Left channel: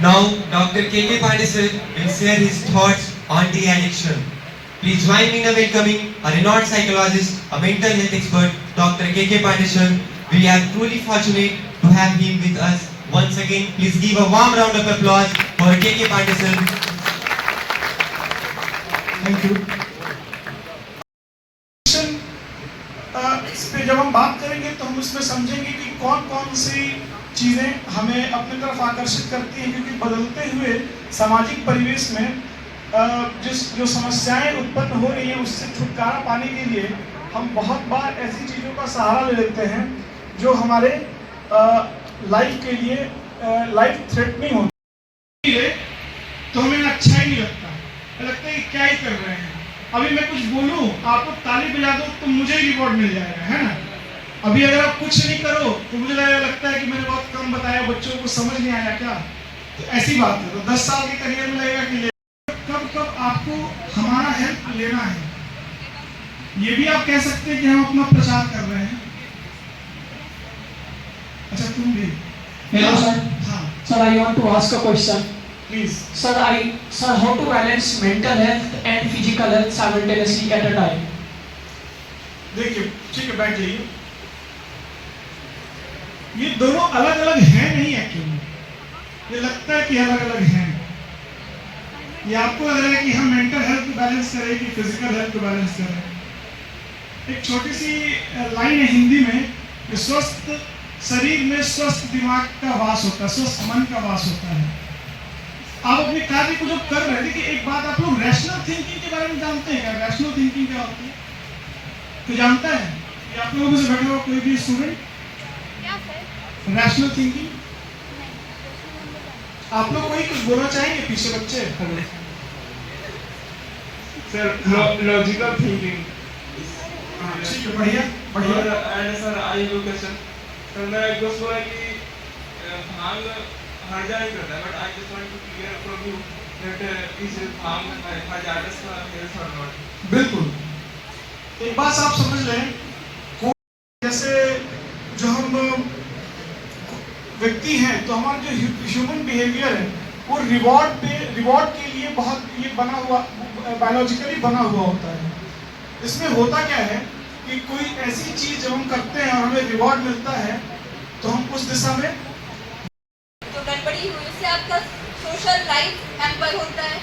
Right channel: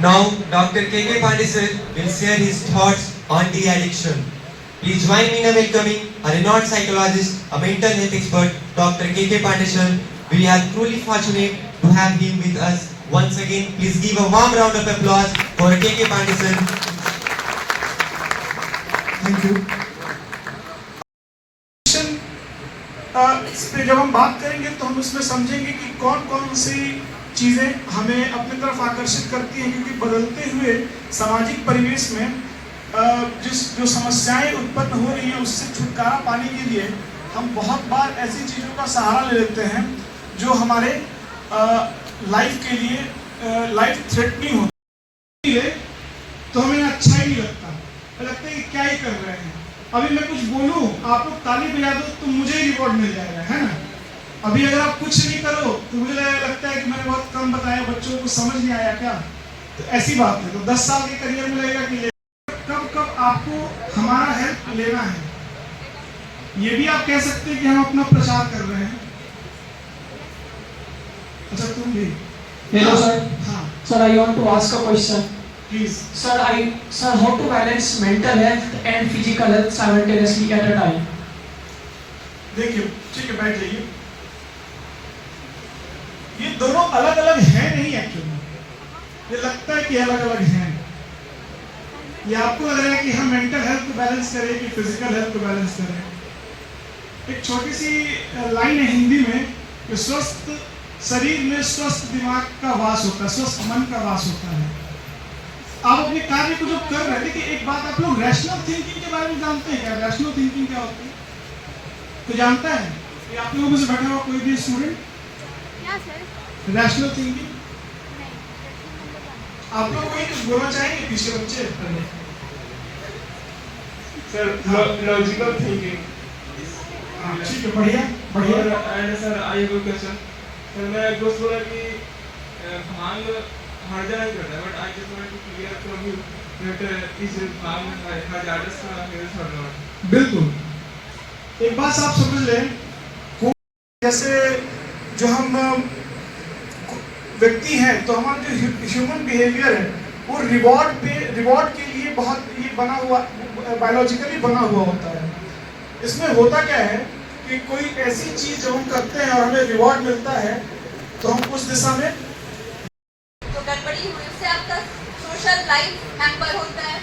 Now, Dr. K.K. Pandey will share his thoughts on de-addiction. Please join me in welcoming a renowned psychologist, a mental health expert, Dr. K.K. Pandey. We are truly fortunate to have him with us. Once again, please give a warm round of applause for K.K. Pandey. Thank you. इस पे जब हम बात करेंगे तो हम उसमें समझेंगे कि कौन कौन सी चीज़ें हमें अपनी तरफ आकर्षित करती हैं, क्योंकि बदलते हुए सामाजिक परिवेश में जो समस्याएं उत्पन्न हो रही हैं उससे छुटकारा पाने के लिए हम बहुत बार ऐसी चीज़ों का सहारा ले लेते हैं जो हमारे लाइफ के लिए लाइफ थ्रेटनिंग होती है, तो हमें अच्छा ही नहीं लगता है कि क्या ही कर रहे हैं। अभी मैं कुछ बोलूं, आप लोग ताली बजा दो तो मुझे ही रिवॉर्ड मिल जाएगा, है ना। अभी अगर आप कुछ नहीं करो तो मुझे लगता है कि मैंने बहुत कम बताया, बच्चों को समझ नहीं आया क्या, तो ऐसी बात है। तो 10 साल के करियर में लगेगा कि कब कब आपको हमारा हेल्प लेना है। ये भी आप कह सकते हैं कि हम अपना प्रचार कर रहे हैं। अच्छा तुम भी। Hello sir. हाँ sir, I want to ask a question. Please. Sir, how to balance mental health and physical health simultaneously at a time? देखिए, ठीक है, बैठ जाइए। ये दोनों अलग अलग हैं नहीं एक्चुअली, ये लगता है कि अलग अलग हैं। ये आपको लग रहा है कि हम मेंटल हेल्थ को बैलेंस करें कि फिजिकल हेल्थ को बैलेंस करें। एक छोटी सी लाइन है हिंदी में कि स्वस्थ शरीर में स्वस्थ दिमाग का वास होता है, स्वस्थ मन का वास होता है। आप अपने कार्य को जो कर रहे थे कि एक बात, आप लोग रैशनल थिंकिंग के बारे में जानते हैं क्या? रैशनल थिंकिंग क्या होती है तो जानता है? ये आप लोगों से बैठा हुआ कोई भी स्टूडेंट रैशनल थिंकिंग, आप लोग कोई कुछ बोलना चाहेंगे पीछे बच्चे? Sir logical thinking. ठीक है, बढ़िया बढ़िया। And sir I have a question. Sir मैं एक दोस्त बोला कि हाल हर्जा नहीं करता है, but I just want to clear for you that is harm hazardous का हेल्थ और नॉट। बिल्कुल, एक बात आप समझ लें, जैसे जो हम व्यक्ति हैं तो हमारा जो ह्यूमन बिहेवियर है वो रिवॉर्ड के लिए बहुत ये बना हुआ, बायोलॉजिकली बना हुआ होता है। इसमें होता क्या है कि कोई ऐसी चीज जब हम करते हैं और हमें रिवॉर्ड मिलता है तो हम उस दिशा में तो गड़बड़ी हुई, उससे आपका सोशल लाइफ हैम्पर होता है,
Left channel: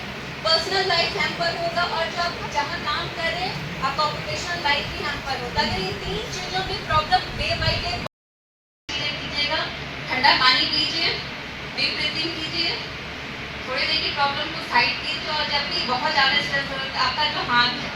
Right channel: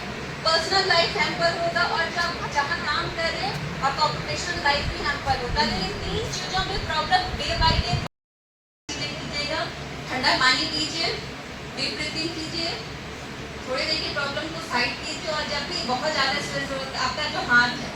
पर्सनल लाइफ हैम्पर होगा, और जब जहाँ काम कर रहे हैं आपका ऑक्यूपेशनल लाइफ भी हैम्पर होता है। ये 3 चीजों में प्रॉब्लम डे बाय डे कीजिएगा। ठंडा पानी पीजिए, डीप ब्रीथिंग कीजिए, थोड़ी देर की प्रॉब्लम को साइड कीजिए, और जब भी बहुत ज़्यादा स्ट्रेस हो तो आपका जो हाथ है,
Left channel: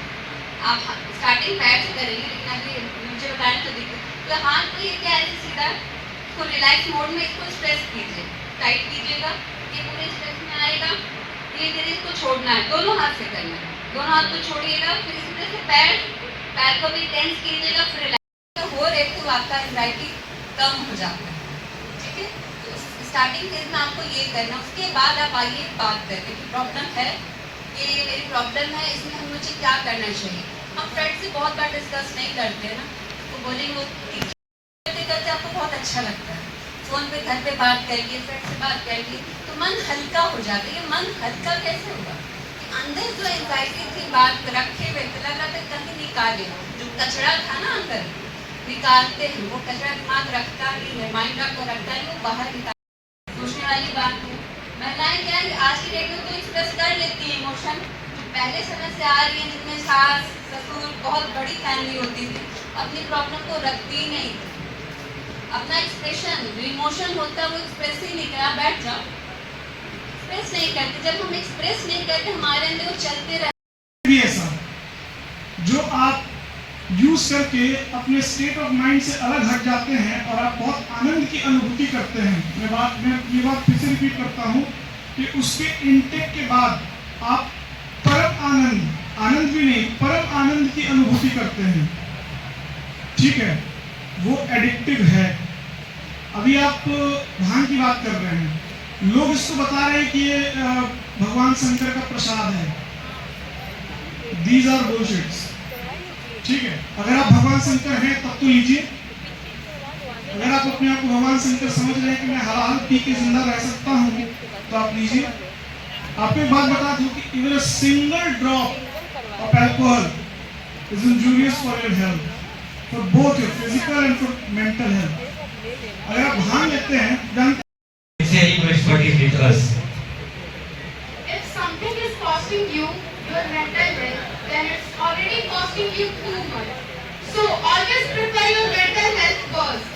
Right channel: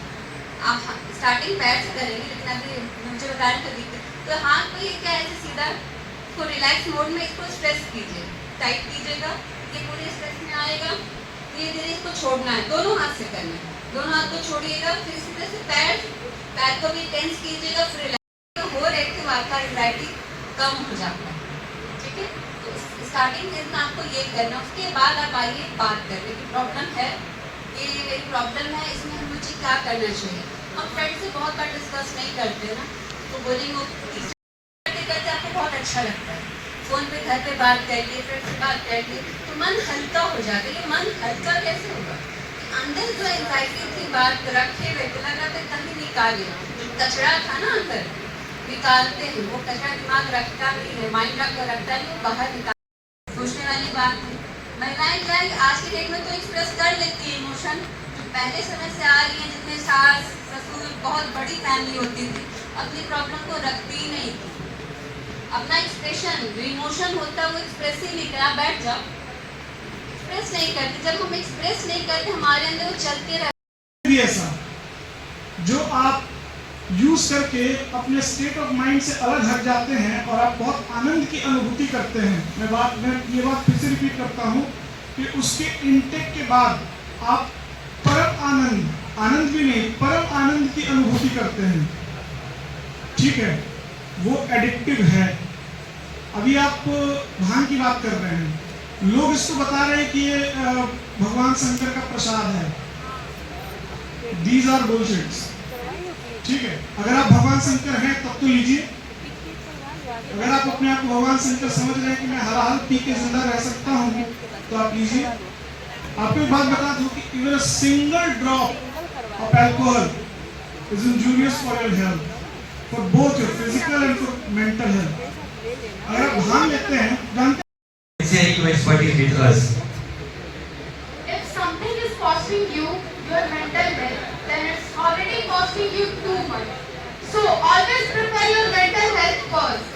आप स्टार्टिंग पैर से करेंगे लेकिन अभी मुझे बताएं तो दिक्कत, तो हाथ को ये क्या ऐसे सीधा इसको रिलैक्स मोड में इसको स्ट्रेस कीजिए, टाइट कीजिएगा, ये पूरे स्ट्रेस में आएगा। धीरे धीरे इसको छोड़ना है, दोनों हाथ से करना है, दोनों हाथ को छोड़िएगा। फिर इसी तरह से पैर को भी टेंस कीजिएगा, फिर रिलैक्स हो रहे तो आपका एंजाइटी कम हो जाता है। ठीक है, तो स्टार्टिंग फेज में आपको ये करना, उसके बाद आप आइए बात करते कि प्रॉब्लम है, ये मेरी प्रॉब्लम है, इसमें हम मुझे क्या करना चाहिए। हम फ्रेंड से बहुत बार डिस्कस नहीं करते ना, तो बोलेंगे वो करते करते आपको बहुत अच्छा लगता है, फोन पे घर पे बात कर लिए, फ्रेंड से बात कर लिए, तो मन हल्का हो जाता है। ये मन हल्का कैसे होगा? अंदर जो एंजाइटी थी बात रखे हुए थे, लगातार कहीं निकाले, जो कचरा था ना अंदर निकालते हैं, वो कचरा दिमाग रखता नहीं है, माइंड आपको रखता है, वो बाहर निकाल। सोचने वाली बात है, महिलाएं क्या है आज की डेट में तो एक्सप्रेस कर लेती है इमोशन, पहले समय से आ रही है जिसमें सास ससुर बहुत बड़ी फैमिली होती थी, अपनी प्रॉब्लम को रखती ही नहीं थी। अपना एक्सप्रेशन जो इमोशन होता है वो एक्सप्रेस ही नहीं करना, बैठ जाओ, एक्सप्रेस नहीं करते। जब हम एक्सप्रेस नहीं करते हमारे अंदर वो चलते रहते। भी ऐसा जो आप यूज करके अपने स्टेट ऑफ माइंड से अलग हट जाते हैं और आप बहुत आनंद की अनुभूति करते हैं। मैं ये बात फिर से रिपीट करता हूँ कि उसके इनटेक के बाद आप परम आनंद भी नहीं, परम आनंद की अनुभूति करते हैं। ठीक है, वो एडिक्टिव है। अभी आप भांग की बात कर रहे हैं, लोग इसको बता रहे हैं कि ये भगवान शंकर का प्रसाद है। These are bullshits। ठीक है, अगर आप भगवान शंकर हैं तब तो लीजिए। अगर आप अपने आप को भगवान शंकर समझ रहे हैं कि मैं हर हाल पी के जिंदा रह सकता हूँ तो आप लीजिए। आपको एक बात बता दूं कि even a single drop of alcohol is injurious for your health, for both your physical and for mental health. अगर आप भांग लेते हैं, जानते Sharing your expertise with us. If something is costing you your mental health, then it's already costing you too much. So always prepare your mental health first.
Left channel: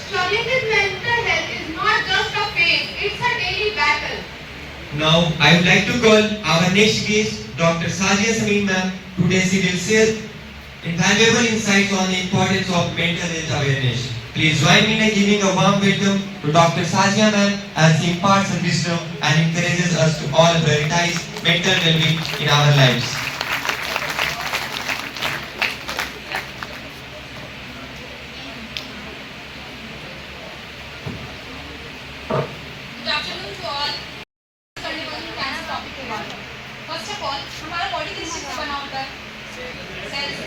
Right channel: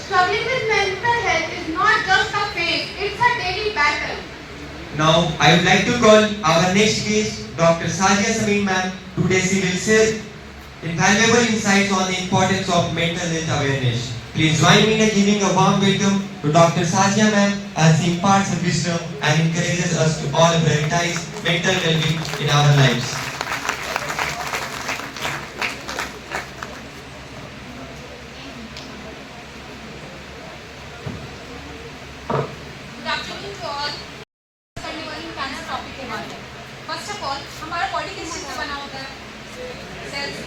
Struggling with mental health is not just a phase, it's a daily battle. Now, I would like to call our next guest, Dr. Sazia Samin ma'am. Today she will share invaluable insights on the importance of mental health awareness. Please join me in giving a warm welcome to Dr. Sazia ma'am as she imparts her wisdom and encourages us to all prioritize mental well-being in our lives. Good afternoon to all. करने वाली cancer topic के बारे में। First of all हमारा body किस चीज से बना होता है? सेल से।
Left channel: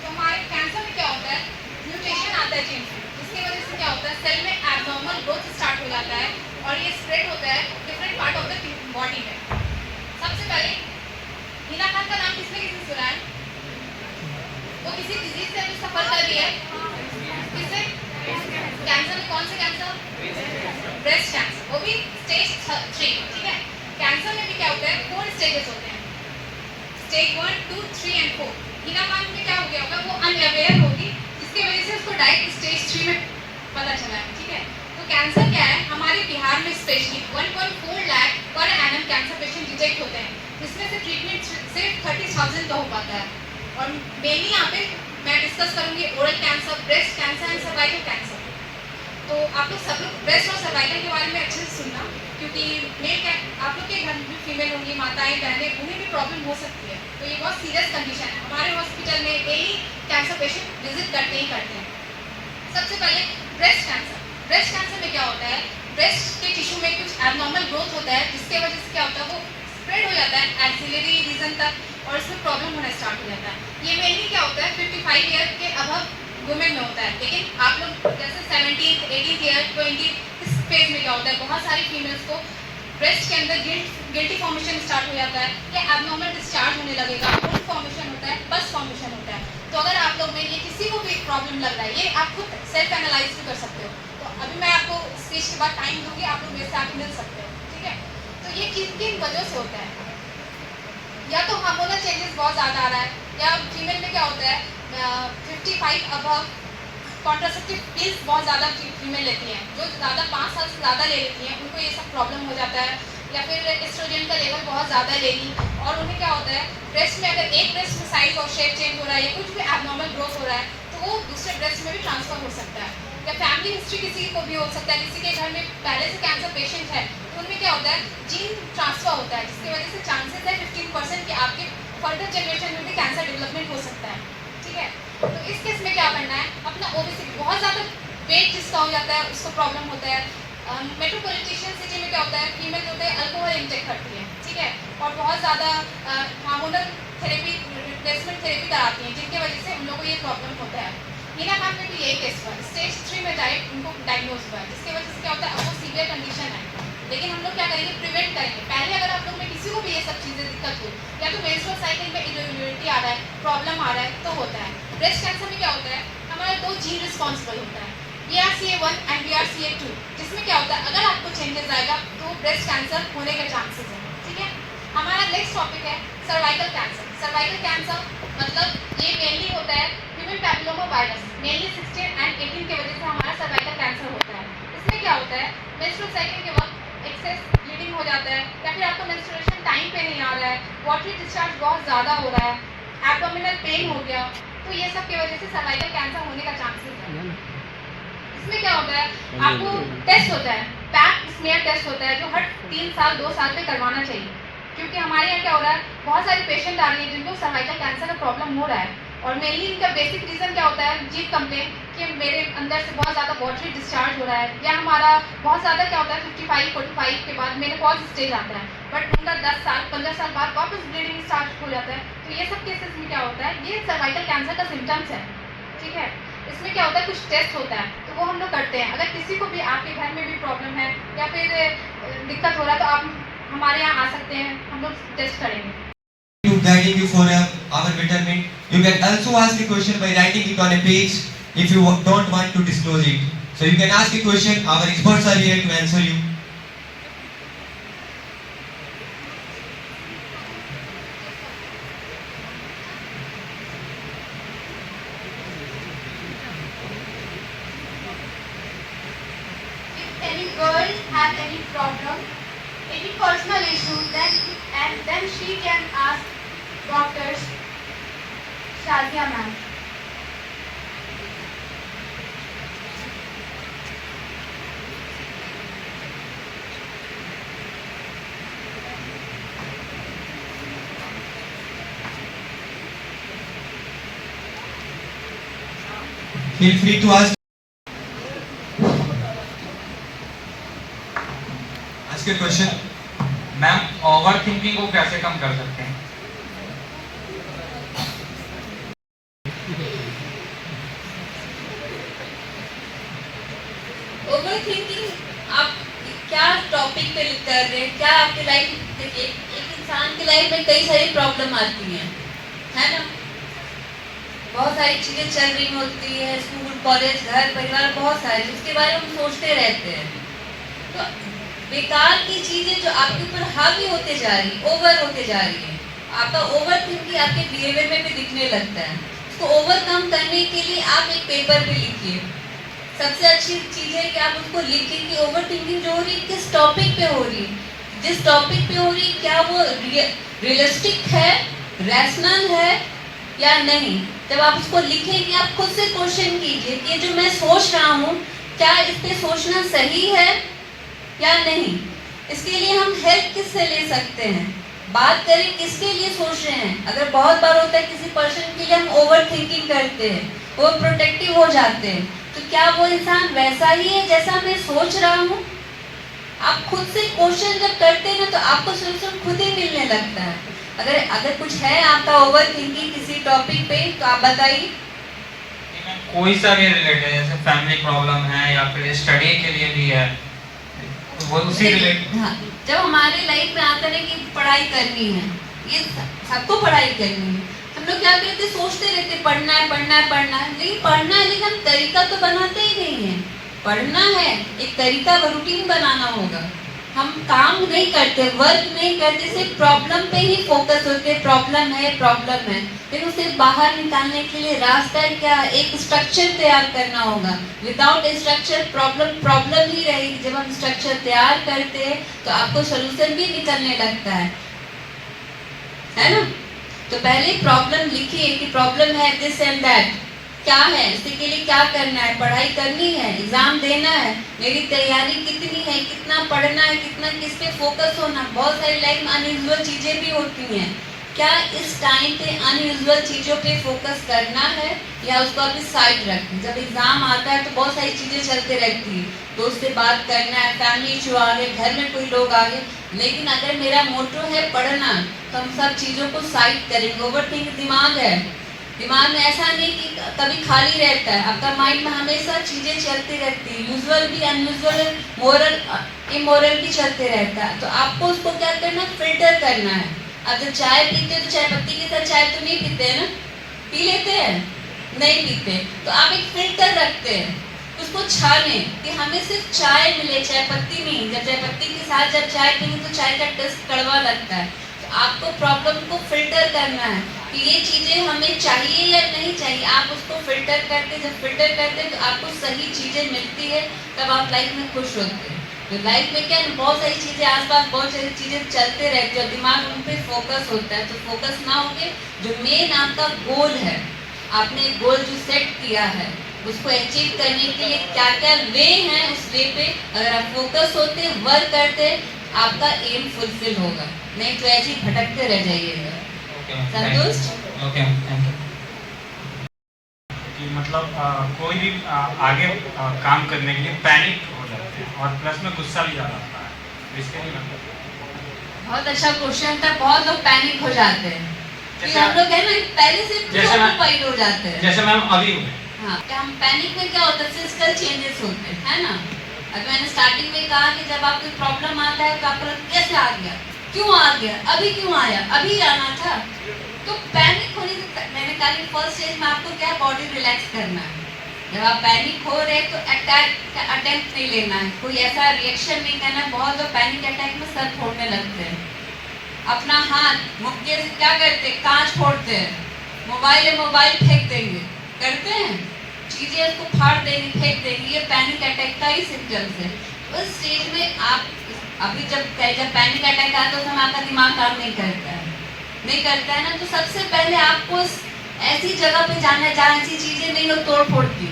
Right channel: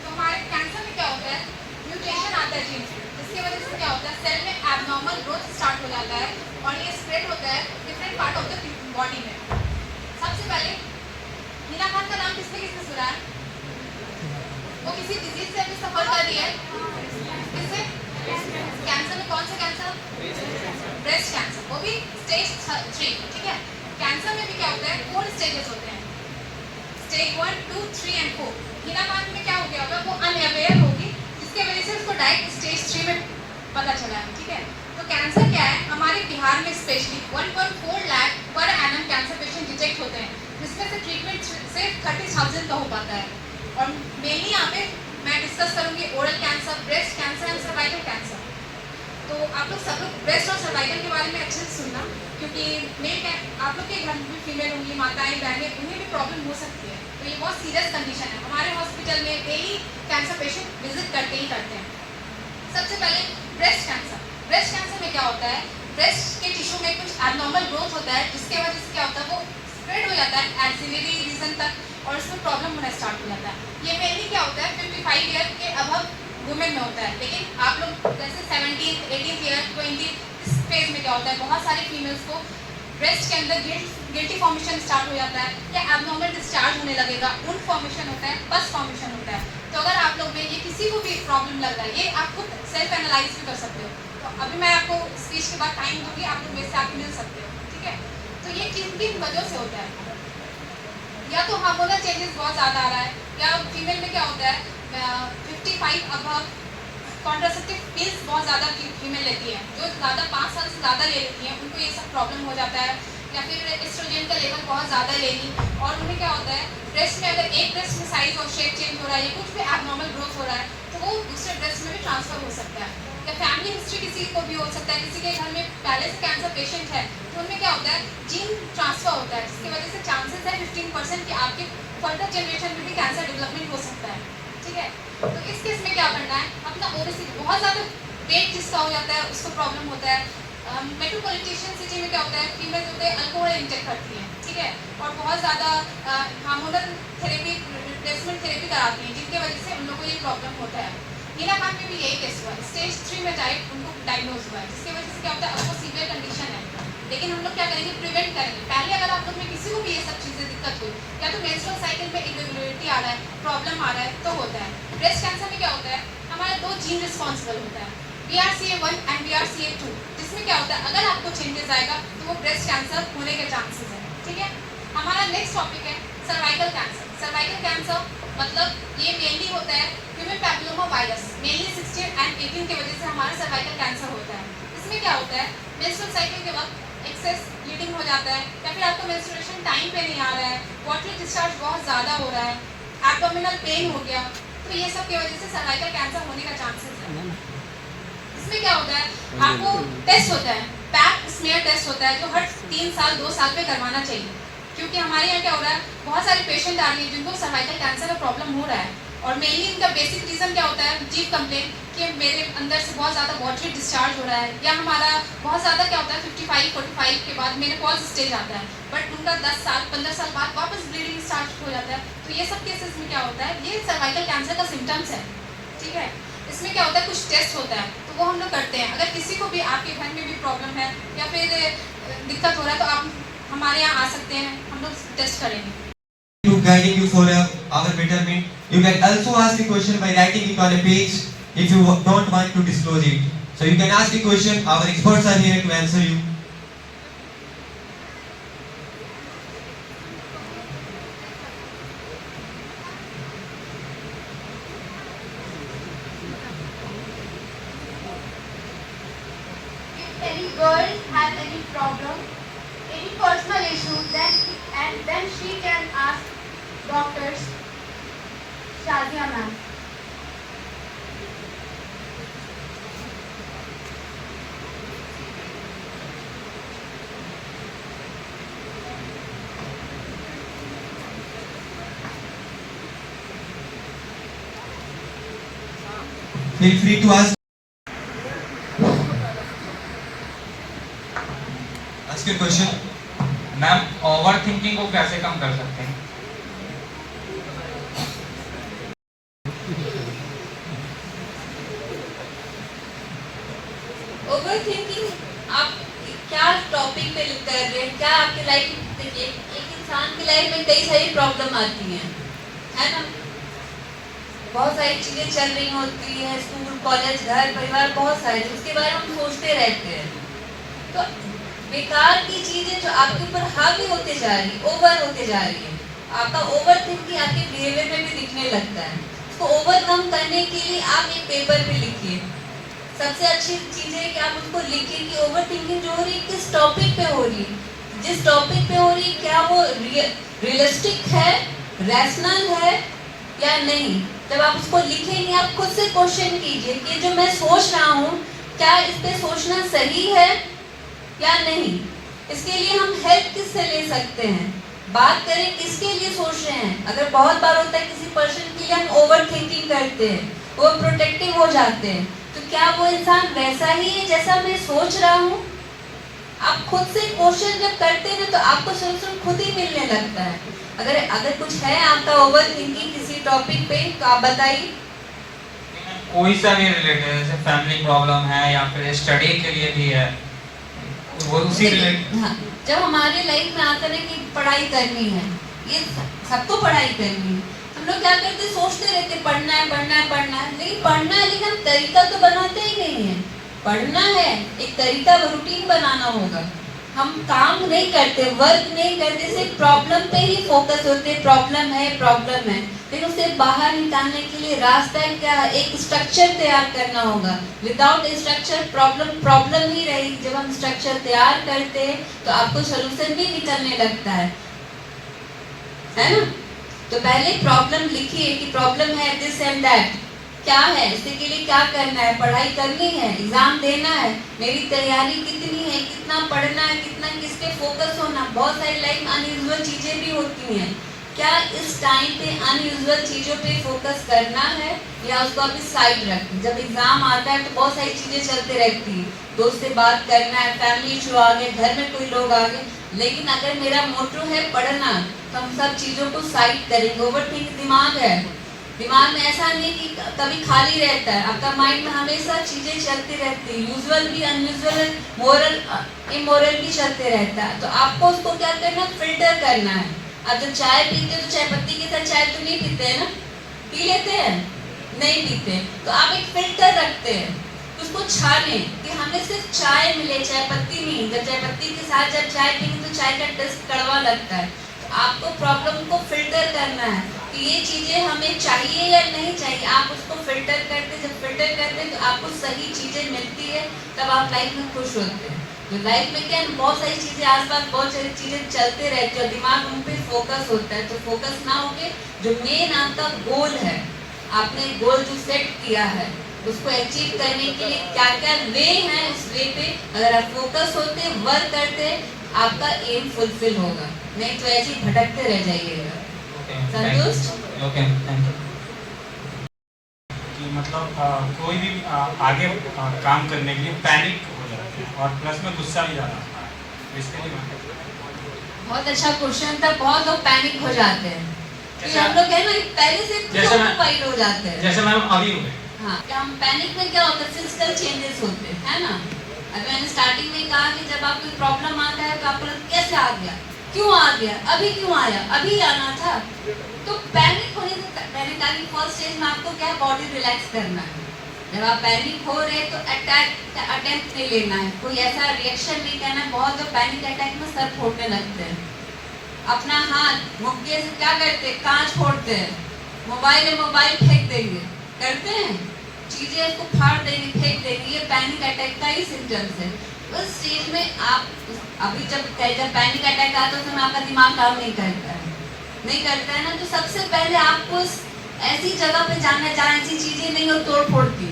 तो हमारे कैंसर में क्या होता है? म्यूटेशन आता है जीन से, जिसकी वजह से क्या होता है? सेल में एबनॉर्मल ग्रोथ स्टार्ट हो जाता है और ये स्प्रेड होता है different part of the body में। सबसे पहले हिना खान का नाम किसने किसने सुना है? वो किसी डिजीज से भी सफर कर रही है। किससे? कैंसर में कौन से कैंसर? ब्रेस्ट कैंसर, वो भी स्टेज 3, ठीक है। कैंसर में भी क्या होता है? 4 स्टेजेस होते हैं, स्टेज 1, 2, 3 एंड 4। हिना खान में क्या हो गया होगा? वो अनअवेयर होगी, जिसके वजह से उसको डायरेक्ट स्टेज 3 में पता चला है, ठीक है। तो कैंसर क्या है? हमारे बिहार में specially 1.4 lakh per annum cancer patient detect होते हैं, जिसमें से ट्रीटमेंट सिर्फ 30,000 का हो पाता है। और मेनली यहाँ पे मैं डिस्कस करूंगी oral cancer, breast cancer and cervical cancer. तो आप लोग सब लोग ब्रेस्ट और सर्वाइकल के बारे में अच्छे से सुनना, क्योंकि आप लोग के घर में फीमेल होंगी, माताएं बहनें, उन्हें भी प्रॉब्लम हो सकती है। तो ये बहुत सीरियस कंडीशन है। हमारे हॉस्पिटल में डेली कैंसर पेशेंट विजिट करते ही करते हैं। सबसे पहले ब्रेस्ट कैंसर। ब्रेस्ट कैंसर में क्या होता है? ब्रेस्ट के टिश्यू में कुछ एबनॉर्मल ग्रोथ होता है, जिसके वजह से क्या होता है? वो स्प्रेड हो जाता है एक्सिलरी रीजन तक और इसमें प्रॉब्लम होना स्टार्ट हो जाता है। ये मेनली क्या होता है? 55 ईयर के अबव वुमेन में होता है, लेकिन आप लोग जैसे 17, 18 ईयर, 20 इस फेज में क्या होता है? बहुत सारी फीमेल्स को ब्रेस्ट के अंदर गिल्टी फॉर्मेशन स्टार्ट हो जाता है, या एबनॉर्मल डिस्चार्ज होने लगेगा, वुंड फॉर्मेशन होता है, पस फॉर्मेशन होता है। तो अगर आप लोग में ये किसी को भी प्रॉब्लम लग रहा है, ये आप खुद सेल्फ एनालाइज भी कर सकते हो। तो अभी मैं आपको स्पीच के बाद टाइम दूंगी, आप लोग मेरे से आके मिल सकते हो, ठीक है। तो ये किन वजह से होता है? या तो हार्मोनल चेंजेस बहुत ज़्यादा आ रहा है, या फीमेल में क्या होता है? 55 अबव कॉन्ट्रासेप्टिव पिल्स बहुत ज़्यादा फीमेल लेती हैं, जो ज़्यादा 5 साल से ज़्यादा ले लेती हैं, उनको ये सब प्रॉब्लम हो जाता है। या फिर एस्ट्रोजन का लेवल बहुत ज़्यादा ले ली और उन्हें क्या होता है? ब्रेस्ट में अगर एक ब्रेस्ट में साइज और शेप चेंज हो रहा है, या कुछ भी एबनॉर्मल ग्रोथ हो रहा है, तो वो दूसरे ब्रेस्ट में भी ट्रांसफर हो सकता है। या फैमिली हिस्ट्री किसी को भी हो सकता है, किसी के घर में पहले से कैंसर पेशेंट है, तो उनमें क्या होता है? जीन ट्रांसफर होता है, जिसकी वजह से चांसेस है 15% कि आपकी फर्दर जनरेशन में भी कैंसर डेवलपमेंट हो सकता है, ठीक है। तो इस केस में क्या करना है? अपना ओबेसिटी, बहुत ज़्यादा वेट जिसका हो जाता है उसको प्रॉब्लम होता है। मेट्रोपॉलिटन सिटी में क्या होता है? फीमेल होते हैं अल्कोहल इंटेक करती हैं, ठीक है, और बहुत ज़्यादा हार्मोनल थेरेपी, रिप्लेसमेंट थेरेपी कराती हैं, जिनकी वजह से उन लोगों को ये प्रॉब्लम होता है। हिना खान में भी यही केस हुआ, स्टेज 3 में जाए उनको डायग्नोज हुआ, जिसकी वजह से क्या होता है? आपको सीवियर कंडीशन है, लेकिन हम लोग क्या करेंगे? प्रिवेंट करेंगे। पहले अगर आप लोग में किसी को भी ये सब चीज़ें दिक्कत हुई, या तो मेंस्ट्रुअल साइकिल में इरेगुलरिटी आ रहा है, प्रॉब्लम आ रहा है, तो होता है। ब्रेस्ट कैंसर में क्या होता है? हमारा 2 जीन रिस्पॉन्सिबल होता है, BRCA1 एंड BRCA2, जिसमें क्या होता है? अगर आपको चेंजेस आएगा तो वो ब्रेस्ट कैंसर होने के चांसेस हैं, ठीक है। हमारा नेक्स्ट टॉपिक है सर्वाइकल कैंसर। सर्वाइकल कैंसर मतलब ये मेनली होता है human papilloma virus, mainly 16 and 18 की वजह से हमारा सर्वाइकल कैंसर होता है। इसमें क्या होता है? मेंस्ट्रुअल साइकिल के वक्त एक्सेस ब्लीडिंग हो जाता है, या फिर आपका मेंस्ट्रुएशन टाइम पे नहीं आ रहा है, वाटरी डिस्चार्ज बहुत ज़्यादा हो रहा है, एब्डोमिनल पेन हो गया, तो ये सब की वजह से सर्वाइकल कैंसर होने का चांसेस है। इसमें क्या होता है? आपको टेस्ट होता है, पैप स्मीयर टेस्ट होता है, जो हर 3 साल 2 साल पे करवाना चाहिए, क्योंकि हमारे यहाँ क्या हो रहा है? बहुत सारे पेशेंट आ रही है जिनको सर्वाइकल कैंसर का प्रॉब्लम हो रहा है, और मेनली इनका बेसिक रीज़न क्या होता है? जीव कंप्लेन कि मेरे अंदर से बहुत ज़्यादा वाटरी डिस्चार्ज हो रहा है, या हमारा बहुत ज़्यादा क्या होता है? 55-45 के बाद मेनोपॉज स्टेज आता है, बट उनका 10 साल 15 साल बाद वापस ब्लीडिंग स्टार्ट हो जाता है। तो ये सब केसेस में क्या होता है? ये सर्वाइकल कैंसर का सिम्टम्स है, ठीक है। इसमें क्या होता है? कुछ टेस्ट होता है, तो तो वो हम लोग करते हैं। अगर किसी को भी आपके घर में भी प्रॉब्लम है या फिर दिक्कत हो रहा है तो आप हमारे यहाँ आ सकते हैं, हम लोग टेस्ट करेंगे। To guiding you for our betterment, you can also ask the question by writing it on a page if you don't want to disclose it. So you can ask the question. Our experts are here to answer you. If any girl has any problem, any personal issue, then she can ask doctors Shazia ma'am. Feel free to ask. Ask your question. Ma'am over thinking को कैसे कम कर सकते हैं? Overthinking आप क्या topic पे कर रहे हैं, क्या आपकी लाइफ एक इंसान की लाइफ में कई सारी प्रॉब्लम आती हैं, है ना? बहुत सारी चीजें चल रही होती हैं, स्कूल कॉलेज घर परिवार बहुत सारे, जिसके बारे में हम सोचते रहते हैं। तो बेकार की चीजें जो आपके ऊपर हावी होते जा रही, ओवर होते जा रही है, आपका ओवर थिंकिंग आपके बिहेवियर में भी दिखने लगता है। उसको ओवरकम करने के लिए आप एक पेपर पे लिखिए। सबसे अच्छी चीज है कि आप उसको लिखिए कि ओवर थिंकिंग जो हो रही है किस टॉपिक पे हो रही है, जिस टॉपिक पे हो रही है क्या वो रियलिस्टिक है, रैशनल है या नहीं। जब आप उसको लिखेंगे आप खुद से क्वेश्चन कीजिए कि जो मैं सोच रहा हूँ क्या इस पे सोचना सही है या नहीं। इसके लिए हम हेल्प किससे ले सकते हैं, बात करें किसके लिए सोच रहे हैं। अगर बहुत बार होता है किसी पर्सन के लिए हम ओवर थिंकिंग करते हैं, वो प्रोटेक्टिव हो जाते हैं, तो क्या वो इंसान वैसा ही है जैसा मैं सोच रहा हूँ। आप खुद से क्वेश्चन जब करते हैं तो आपको सोल्यूशन खुद ही मिलने लगता है। अगर कुछ है आपका ओवर थिंकिंग किसी टॉपिक पे तो आप बताइए। कोई सा भी रिलेटेड, जैसे फैमिली प्रॉब्लम है या फिर स्टडी के लिए भी है, वो उसी रिलेटेड। हाँ, जब हमारे लाइफ में आता है कि पढ़ाई करनी है, ये सबको पढ़ाई करनी है, हम लोग क्या करते हैं सोचते रहते हैं पढ़ना है पढ़ना है पढ़ना है, लेकिन पढ़ना है लेकिन हम तरीका तो बनाते ही नहीं है। पढ़ना है एक तरीका रूटीन बनाना होगा, हम काम नहीं करते, वर्क नहीं करते, सिर्फ प्रॉब्लम पे ही फोकस होते, प्रॉब्लम है लेकिन उसे बाहर निकालने के लिए रास्ता क्या है, एक स्ट्रक्चर तैयार करना होगा। विदाउट स्ट्रक्चर प्रॉब्लम ही रहेगी। जब हम स्ट्रक्चर तैयार करते हैं तो आपको सोल्यूशन भी निकलने लगता है ना। तो पहले प्रॉब्लम लिखिए कि प्रॉब्लम है दिस एंड दैट, क्या है, इसके लिए क्या करना है, पढ़ाई करनी है, एग्जाम देना है, मेरी तैयारी कितनी है, कितना पढ़ना है, कितना किस पे फोकस होना। बहुत सारी लाइफ में अनयूजुअल चीजें भी होती हैं, क्या इस टाइम पे अनयूजुअल चीजों पे फोकस करना है या उसको अभी साइड रखें। जब एग्जाम आता है तो बहुत सारी चीजें चलते रहती है, दोस्त से बात करना है, फैमिली इशू आ गए, घर में कोई लोग आ गए, लेकिन अगर मेरा मोटो है पढ़ना तो हम सब चीजों को साइड करेंगे। ओवरथिंक दिमाग है, दिमाग में ऐसा नहीं कि कभी खाली रहता है, आपका माइंड में हमेशा चीजें चलती रहती है, यूजुअल भी अनयूजुअल मोरल इमोरल भी चलते रहता है। तो आपको उसको क्या करना है, फिल्टर करना है। अब जब चाय पीते हो तो चाय पत्ती के साथ चाय तो नहीं पीते हैं ना, पी लेते हैं, नहीं पीते, तो आप एक फिल्टर रखते हैं, उसको छाने कि हमें सिर्फ चाय मिले, चाय पत्ती नहीं। जब चाय पत्ती के साथ जब चाय पीते तो चाय का टेस्ट कड़वा लगता है। तो आपको प्रॉब्लम को फिल्टर करना है कि ये चीजें हमें चाहिए या नहीं चाहिए। आप उसको फिल्टर करते, जब फिल्टर करते तो आपको सही चीजें मिलती है, तब आप लाइफ में खुश होते हैं। तो लाइफ में क्या बहुत सारी चीजें आसपास बहुत सारी चीजें चलते रहती है, दिमाग उन पे फोकस होता है। तो फोकस ना होके जो मेन आपका गोल है, आपने गोल जो सेट किया है उसको अचीव करने के लिए क्या क्या वे हैं, उस वे पे अगर आप फोकस होते, वर्क करते, आपका एम फुलफिल होगा, नहीं तो ऐसे ही भटकते रह जाइएगा। संतुष्ट? Okay, thank you. कि मतलब कोई भी आगे काम करने के लिए पैनिक हो जाते हैं और प्लस में गुस्सा भी ज़्यादा आता है, इसके लिए बहुत अच्छा क्वेश्चन था। बहुत लोग पैनिक हो जाते हैं कि हम लोग है ना पहले से जैसे मैं फाइट हो जाते हैं। जैसे मैम अभी हाँ, हम पैनिक में क्या होता है, फिजिकल चेंजेस होते हैं, है ना। अभी मैंने स्टार्टिंग में कहा कि जब आपको प्रॉब्लम आता है तो आपको कैसे आ गया, क्यों आ गया, अभी क्यों आया, अभी आना था। तो पैनिक होने से मैंने कहा कि फर्स्ट स्टेज में आपको क्या बॉडी रिलैक्स करना है। जब आप पैनिक हो रहे हैं तो अटैक नहीं लेना है, कोई ऐसा रिएक्शन नहीं करना है। बहुत लोग पैनिक अटैक में सर फोड़ने लगते हैं, अपना हाथ मुक्के से क्या करते हैं, कांच फोड़ते हैं, मोबाइल फेंक देंगे, करते हैं चीजें उसको फाड़ देंगे, फेंक देंगे। ये पैनिक अटैक का ही सिम्टम्स है। उस स्टेज में आप अभी जब पैनिक अटैक आता है तो आपका दिमाग काम नहीं करता है ना। तो सबसे पहले आपको ऐसी जगह पे जाना है जहाँ ऐसी चीजें नहीं हो तोड़ फोड़ की,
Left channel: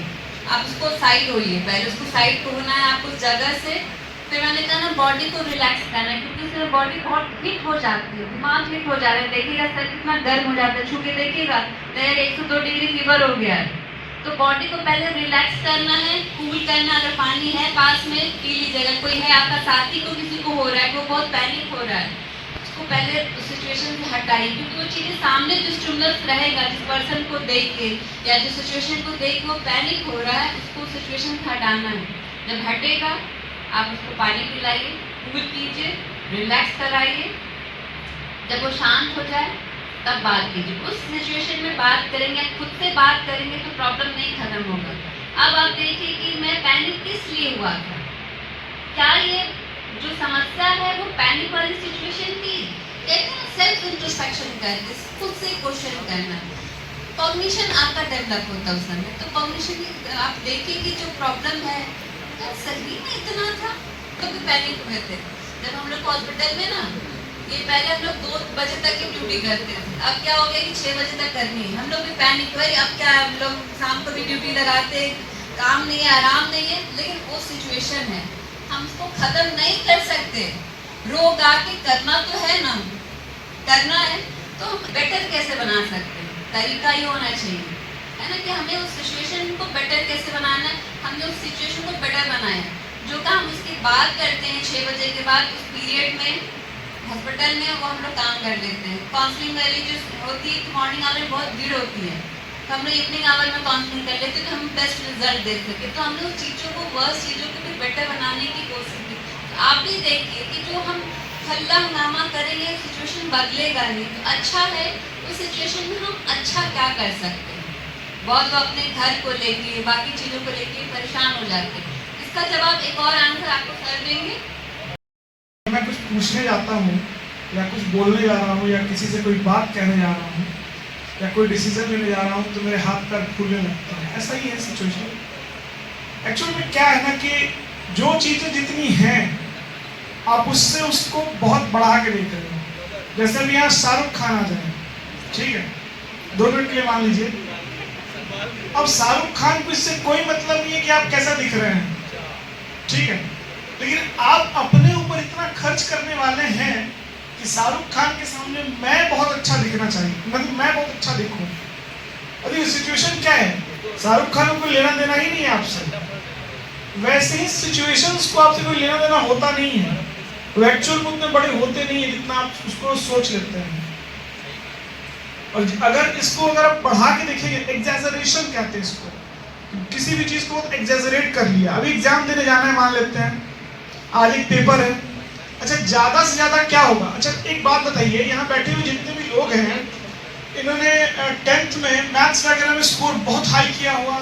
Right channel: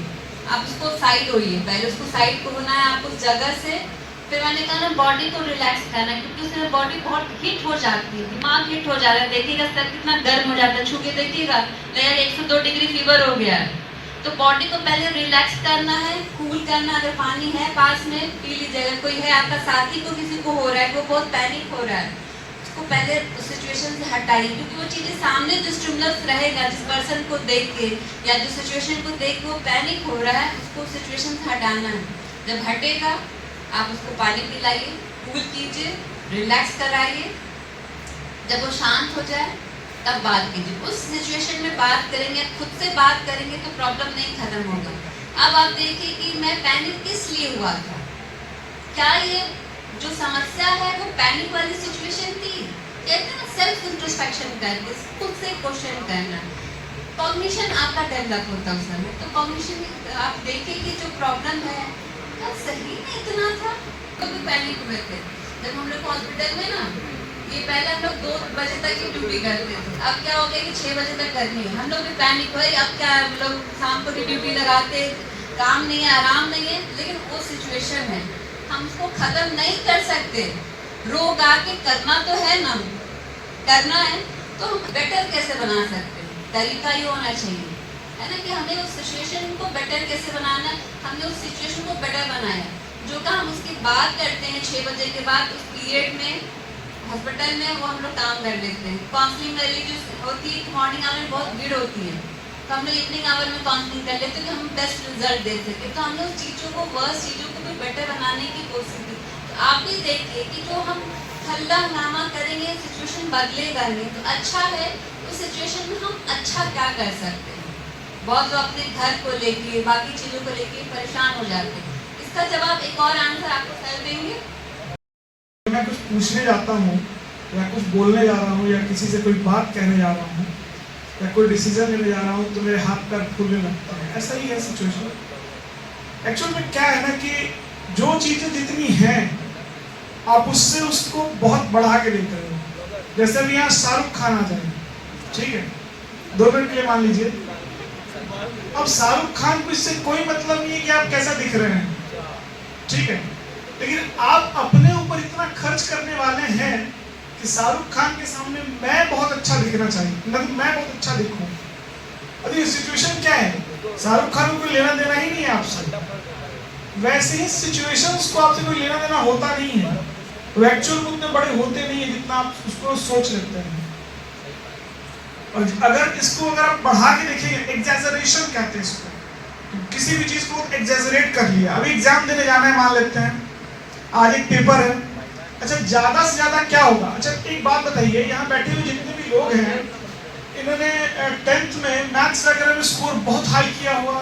आप उसको साइड होइए, पहले उसको साइड को होना है आप उस जगह से। फिर मैंने कहा ना बॉडी को रिलैक्स करना है, क्योंकि उससे बॉडी बहुत हिट हो जाती है, दिमाग हिट हो जाता है। देखिएगा सर कितना गर्म हो जाता है, छू के देखिएगा यार 102 डिग्री फीवर हो गया है। तो बॉडी को पहले रिलैक्स करना है, कूल करना। अगर पानी है पास में पी लीजिएगा। कोई है आपका साथी को किसी को हो रहा है, वो बहुत पैनिक हो रहा है, उसको पहले उस सिचुएशन से हटाइए, क्योंकि वो चीज़ें सामने जो स्टिमुलस रहेगा, जिस पर्सन को देख के या जिस सिचुएशन को देख के वो पैनिक हो रहा है, उसको सिचुएशन से हटाना है। जब हटेगा आप उसको पानी पिलाइए, कूल कीजिए, रिलैक्स कराइए। जब वो शांत हो जाए तब बात कीजिए। उस सिचुएशन में बात करेंगे, खुद से बात करेंगे तो प्रॉब्लम नहीं खत्म होगा। अब आप देखिए कि मैं पैनिक किस लिए हुआ था, क्या ये जो समस्या है वो पैनिक वाली सिचुएशन थी। कहते हैं सेल्फ इंट्रोस्पेक्शन करके खुद से क्वेश्चन करना, कॉग्निशन आपका डेवलप होता है उस समय। तो कॉग्निशन आप देखिए कि जो प्रॉब्लम है सही में इतना था, तो भी पैनिक हुए थे। जब हम लोग हॉस्पिटल में ना, ये पहले हम लोग 2 बजे तक की ड्यूटी करते थे, अब क्या हो गया कि 6 बजे तक करनी है। हम लोग भी पैनिक हुए, अब क्या हम लोग शाम को भी ड्यूटी लगाते, काम नहीं है, आराम नहीं है। लेकिन वो सिचुएशन है, हम उसको खत्म नहीं कर सकते। रोग आके करना तो है ना, करना है तो हम बेटर कैसे बना सकते हैं, तरीका ही होना चाहिए, है ना, कि हमें उस सिचुएशन को बेटर कैसे बनाना है। हमने उस सिचुएशन को बेटर बनाया, जो काम हम उसकी बात करते हैं 6 बजे के बाद उस पीरियड में हॉस्पिटल में वो हम लोग काम कर लेते हैं। काउंसलिंग वाली जो होती है मॉर्निंग आवर में बहुत भीड़ होती है, तो हम लोग इवनिंग आवर में काउंसलिंग कर लेते हैं कि हम बेस्ट रिजल्ट दे सके। तो हम लोग चीज़ों को, वर्स्ट चीज़ों को भी बेटर बनाने की कोशिश की। तो आप भी देखिए कि जो हम हल्ला हंगामा करेंगे सिचुएशन बदलेगा नहीं। तो अच्छा है उस सिचुएशन में हम अच्छा क्या कर सकते हैं। बहुत लोग अपने घर को लेके, बाकी चीज़ों को लेके परेशान हो जाते हैं। इसका जवाब एक और आंसर आपको कर देंगे। मैं कुछ पूछने जाता हूँ या कुछ बोलने जा रहा हूँ या किसी से कोई बात कहने जा रहा हूँ या कोई डिसीजन लेने जा रहा हूँ तो मेरे हाथ पैर फूलने लगता है। ऐसा ही है सिचुएशन। एक्चुअली में क्या है ना कि जो चीज़ें जितनी हैं आप उससे उसको बहुत बढ़ा के देते हो। जैसे भी यहाँ शाहरुख खान आ जाए, ठीक है, 2 मिनट के लिए मान लीजिए। अब शाहरुख खान को इससे कोई मतलब नहीं है कि आप कैसा दिख रहे हैं, ठीक है, लेकिन आप अपने ऊपर इतना खर्च करने वाले हैं कि शाहरुख खान के सामने मैं बहुत अच्छा दिखना चाहिए, मतलब मैं बहुत अच्छा दिखूं। अभी सिचुएशन क्या है, शाहरुख खान को लेना देना ही नहीं है आपसे। वैसे ही सिचुएशंस को आपसे कोई लेना देना होता नहीं है, वो एक्चुअल में उतने बड़े होते नहीं है जितना आप उसको सोच लेते हैं। और अगर इसको अगर आप बढ़ा के देखिए, एग्जैजरेशन कहते हैं इसको, किसी भी चीज को एग्जैजरेट कर लिया। अभी एग्जाम देने जाना है, मान लेते हैं आज एक पेपर है, अच्छा ज्यादा से ज्यादा क्या होगा। अच्छा एक बात बताइए, यहाँ बैठे हुए जितने भी लोग हैं, इन्होंने 10th में मैथ्स वगैरह में स्कोर बहुत हाई किया हुआ,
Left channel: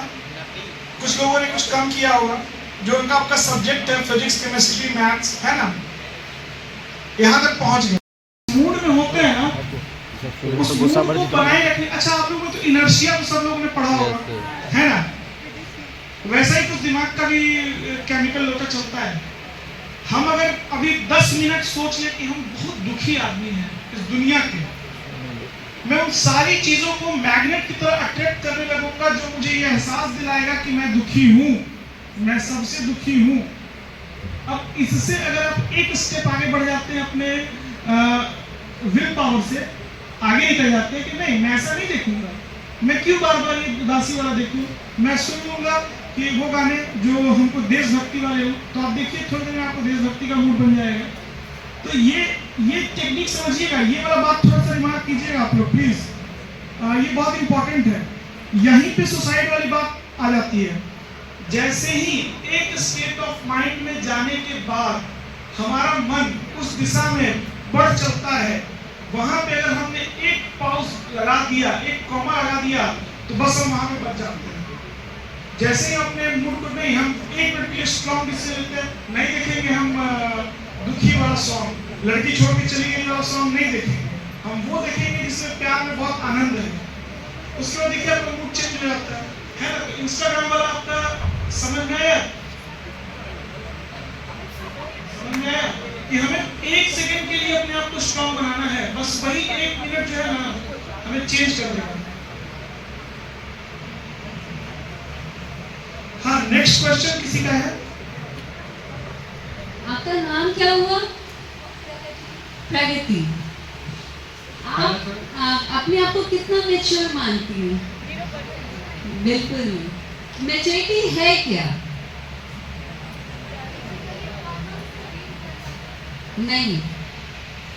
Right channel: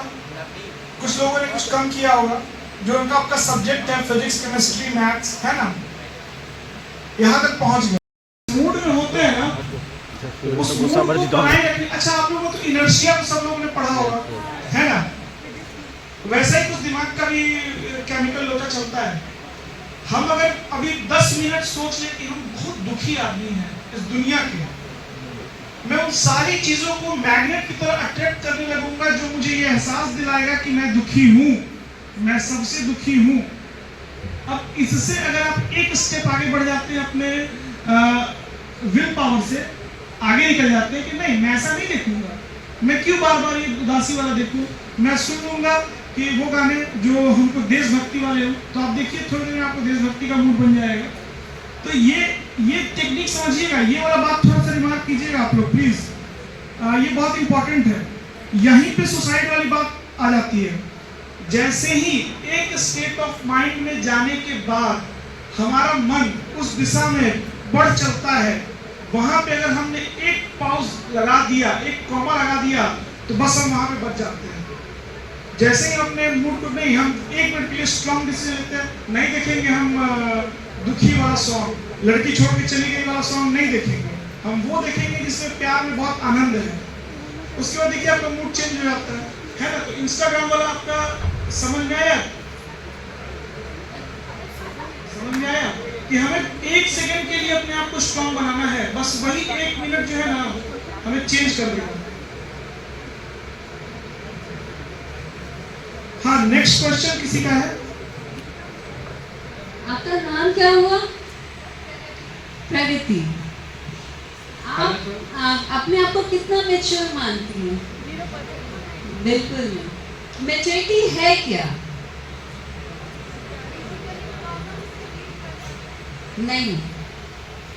कुछ लोगों ने कुछ कम किया होगा। जो उनका आपका सब्जेक्ट है फिजिक्स, केमिस्ट्री, मैथ्स, है ना, यहाँ तक पहुंच गए। मूड में होते हैं ना, उस मूड को बनाए रखने। अच्छा आप लोगों को तो इनर्शिया तो सब लोगों ने पढ़ा होगा, है ना, वैसा ही कुछ दिमाग का भी केमिकल लोटा चलता है। हम अगर अभी 10 मिनट सोच ले कि हम बहुत दुखी आदमी हैं इस दुनिया के, मैं उन सारी चीजों को मैग्नेट की तरह अट्रैक्ट करने लगूंगा जो मुझे ये एहसास दिलाएगा कि मैं दुखी हूं, मैं सबसे दुखी हूं। अब इससे अगर आप एक स्टेप आगे बढ़ जाते हैं, अपने विल पावर से आगे निकल जाते हैं कि नहीं मैं ऐसा नहीं देखूंगा, मैं क्यों बार बार ये उदासी वाला देखूं, मैं सुन लूंगा कि वो गाने जो हमको देशभक्ति वाले हो, तो आप देखिए थोड़ी देर में आपको देशभक्ति का मूड बन जाएगा। तो ये टेक्निक समझिएगा, ये वाला बात थोड़ा सा दिमाग कीजिएगा आप लोग प्लीज, ये बहुत इंपॉर्टेंट है। यहीं पे सुसाइड वाली बात आ जाती है। जैसे ही एक स्टेट ऑफ माइंड में जाने के बाद हमारा मन उस दिशा में बढ़ चलता है, वहां पे अगर हमने एक पॉज लगा दिया, एक कॉमा लगा दिया, तो बस हम वहां पे बच जाते हैं। जैसे ही अपने मूड को नहीं, हम 1 मिनट के लिए स्ट्रॉन्ग डिसीजन लेते हैं, नहीं देखेंगे हम दुखी वाला सॉन्ग, लड़की छोड़ के चली गई वाला सॉन्ग नहीं देखेंगे, हम वो देखेंगे जिसमें प्यार में बहुत आनंद है। उसके बाद देखिए आपका मूड चेंज हो जाता है ना। तो इंस्टाग्राम वाला आपका समझ में आया, समझ में आया कि हमें 1 सेकंड के लिए अपने आप को स्ट्रॉन्ग बनाना है, बस वही 1 मिनट जो है ना हमें चेंज कर देगा। हाँ, नेक्स्ट क्वेश्चन किसी का है? आपका नाम क्या हुआ? प्रगति। आप अपने आप को कितना मैच्योर मानती हैं? बिल्कुल नहीं। मैच्योरिटी है क्या? नहीं।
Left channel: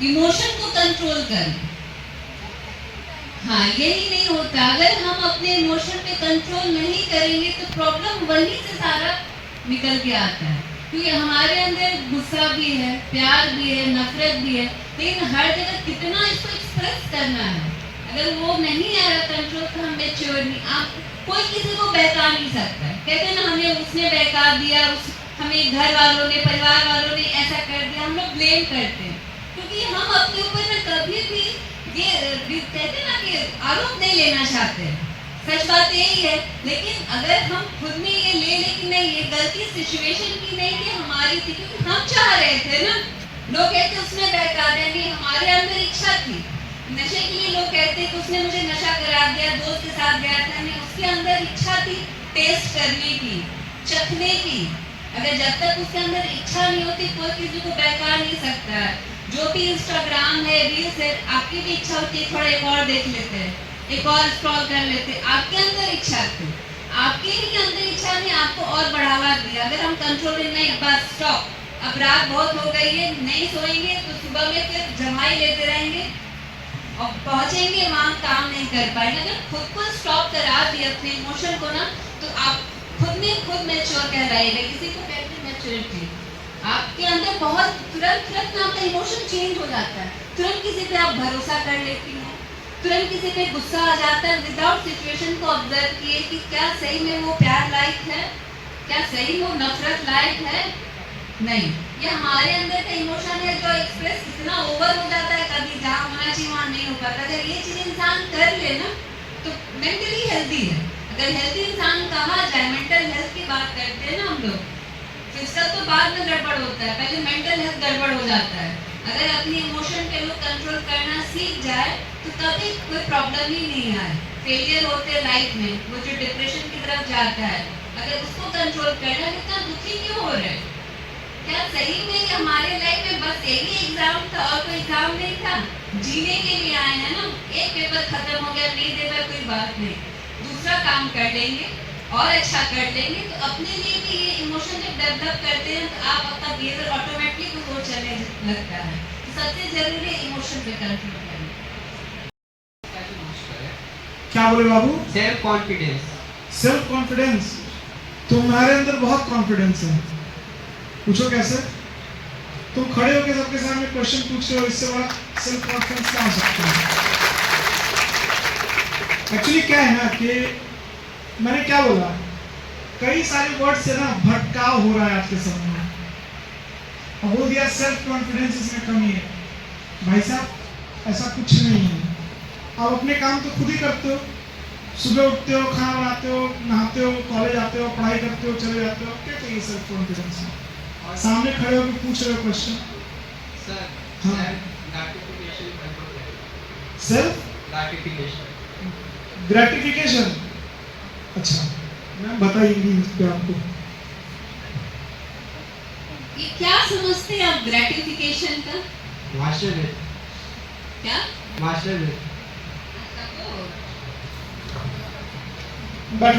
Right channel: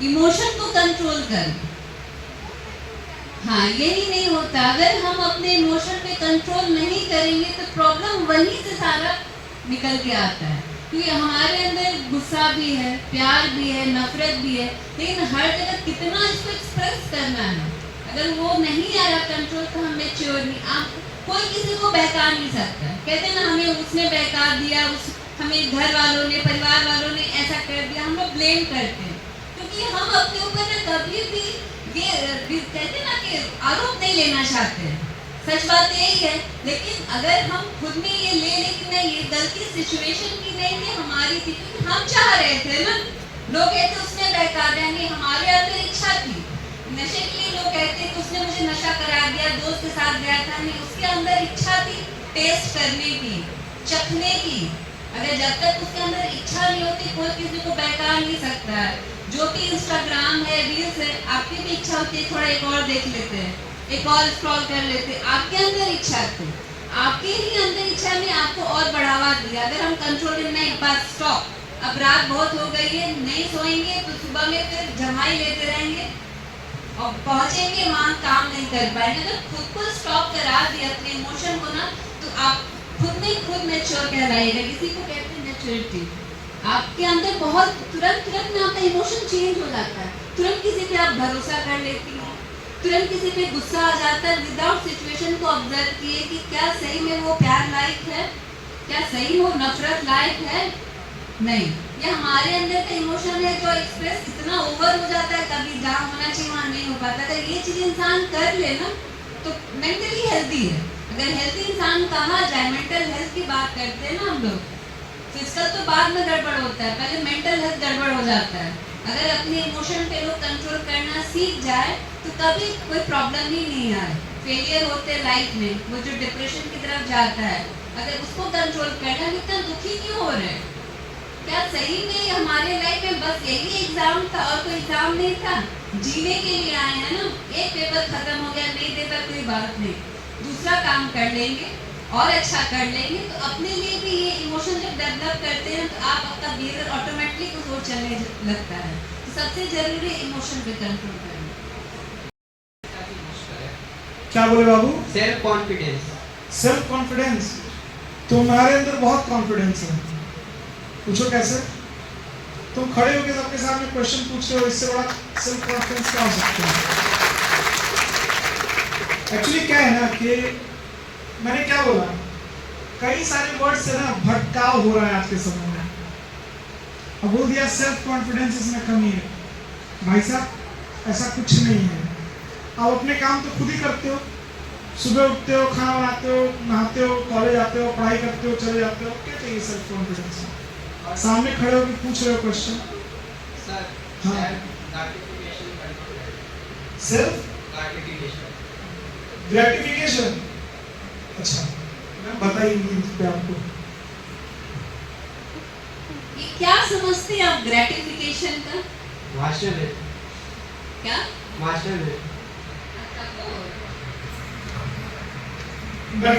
इमोशन को कंट्रोल करें। हाँ, यही नहीं होता। अगर हम अपने इमोशन पे कंट्रोल नहीं करेंगे तो प्रॉब्लम वहीं से सारा निकल के आता है, क्योंकि हमारे अंदर गुस्सा भी है, प्यार भी है, नफरत भी है, लेकिन हर जगह कितना इसको एक्सप्रेस करना है। अगर वो नहीं आ रहा कंट्रोल तो हम मैच्योर नहीं। आप कोई किसी को बहका नहीं सकता है। कहते हैं ना, हमें उसने बहका दिया, हमें घर वालों ने, परिवार वालों ने ऐसा कर दिया, हम लोग ब्लेम करते हैं, क्योंकि हम अपने ऊपर ना कभी भी ये कहते हैं ना कि आरोप नहीं लेना चाहते। सच बात यही है, लेकिन अगर हम खुद में ये ले लें कि नहीं, ये गलती सिचुएशन की नहीं थी, हमारी थी, क्योंकि हम चाह रहे थे ना। लोग कहते उसने बहका देंगे, हमारे अंदर इच्छा थी। नशे के लिए लोग कहते कि उसने मुझे नशा करा दिया, दोस्त के साथ गया था, नहीं, उसके अंदर इच्छा थी टेस्ट करने की, चखने की। अगर जब तक उसके अंदर इच्छा नहीं होती, कोई किसी को बहका नहीं सकता है। जो भी इंस्टाग्राम है, रील्स है, आपकी भी इच्छा होती है थोड़ा एक और देख लेते हैं, एक और स्क्रॉल कर लेते हैं। आपके अंदर इच्छा थी, आपके ही अंदर इच्छा ने आपको और बढ़ावा दिया। अगर हम कंट्रोल नहीं, बस स्टॉप, अब रात बहुत हो गई है, नहीं सोएंगे तो सुबह में फिर जमाई लेते रहेंगे और पहुंचेंगे वहां, काम नहीं कर पाएंगे। अगर खुद को स्टॉप करा दिया अपने इमोशन को ना, तो आप खुद में खुद मैच्योर कहलाएगा। इसी को कहते हैं मैच्योरिटी। आपके अंदर बहुत तुरंत ना आपका इमोशन चेंज हो जाता है। तुरंत किसी पे आप भरोसा कर लेती हैं, तुरंत किसी पे गुस्सा आ जाता है, विदाउट सिचुएशन को ऑब्जर्व किए कि क्या सही में वो प्यार लायक है, क्या सही में वो नफरत लायक है। नहीं, ये हमारे अंदर का इमोशन है जो एक्सप्रेस इतना ओवर हो जाता है, कभी जहाँ होना चाहिए वहाँ नहीं हो पाता। अगर ये चीज इंसान कर ले ना तो मेंटली हेल्दी है। अगर हेल्दी इंसान कहा जाए, मेंटल हेल्थ की बात करते हैं ना हम लोग, फिजिकल तो बाद में गड़बड़ होता है, पहले मेंटल हेल्थ गड़बड़ हो जाता है। अगर अपनी इमोशन पे लोग कंट्रोल करना सीख जाए तो कभी कोई प्रॉब्लम ही नहीं आए। फेलियर होते हैं लाइफ में, वो जो डिप्रेशन की तरफ जाता है, अगर उसको कंट्रोल करना, इतना दुखी क्यों हो रहे हैं? क्या सही में हमारे लाइफ में बस यही एग्जाम था और कोई एग्जाम नहीं था? जीने के लिए आए हैं ना। एक पेपर खत्म हो गया, नहीं दे पर कोई बात नहीं, दूसरा काम कर लेंगे और अच्छा कर लेंगे। तो अपने लिए भी ये इमोशन जब डेवलप करते हैं तो आप आपका बिहेवियर ऑटोमेटिकली कुछ और चलने लगता है। तो सबसे जरूरी इमोशन पे कंट्रोल करना। क्या बोले बाबू? Self confidence. Self confidence. तुम्हारे अंदर बहुत कॉन्फिडेंस है। पूछो कैसे? तुम खड़े होकर सबके सामने क्वेश्चन पूछ रहे हो, इससे बड़ा सेल्फ कॉन्फिडेंस क्या हो सकता है? एक्चुअली क्या है ना कि मैंने क्या बोला, कई सारे वर्ड से ना भटकाव हो रहा है आज के समय में। अब बोल दिया सेल्फ कॉन्फिडेंस इसमें कमी है। भाई साहब, ऐसा कुछ नहीं है। आप अपने काम तो खुद ही करते हो, सुबह उठते हो, खाना बनाते हो, नहाते हो, कॉलेज आते हो, पढ़ाई करते हो, चले जाते हो। क्या चाहिए सेल्फ कॉन्फिडेंस? सामने खड़े होकर पूछ रहे हो क्वेश्चन। सर, हाँ, ग्रेटिफिकेशन कंट्रोल। Self gratification. अच्छा, मैं बताइए पे आपको ये क्या समझते हैं आप ग्रेटिफिकेशन का? मास्टर है। क्या? मास्टर है।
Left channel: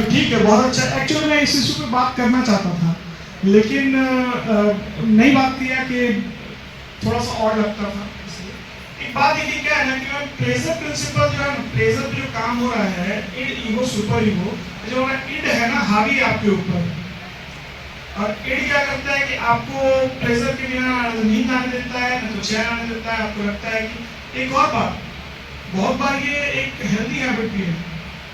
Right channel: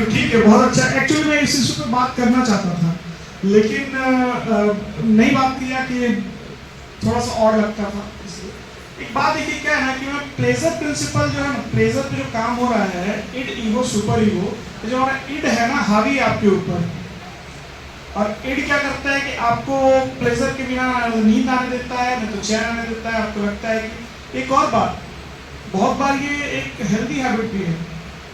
ठीक है, बहुत अच्छा। एक्चुअली मैं इस इशू पे बात करना चाहता था, लेकिन नई बात किया कि थोड़ा सा और लगता था, इसलिए एक बात ये क्या है ना कि प्लेजर प्रिंसिपल जो है ना, प्लेजर पे जो काम हो रहा है, इड ईगो सुपर ईगो, जो हमारा इड है ना हावी है आपके ऊपर, और इड क्या करता है कि आपको प्लेजर के बिना नींद आने देता है, नहीं तो चैन आने देता है। आपको लगता है कि एक और बात, बहुत बार ये एक हेल्दी हैबिट भी है,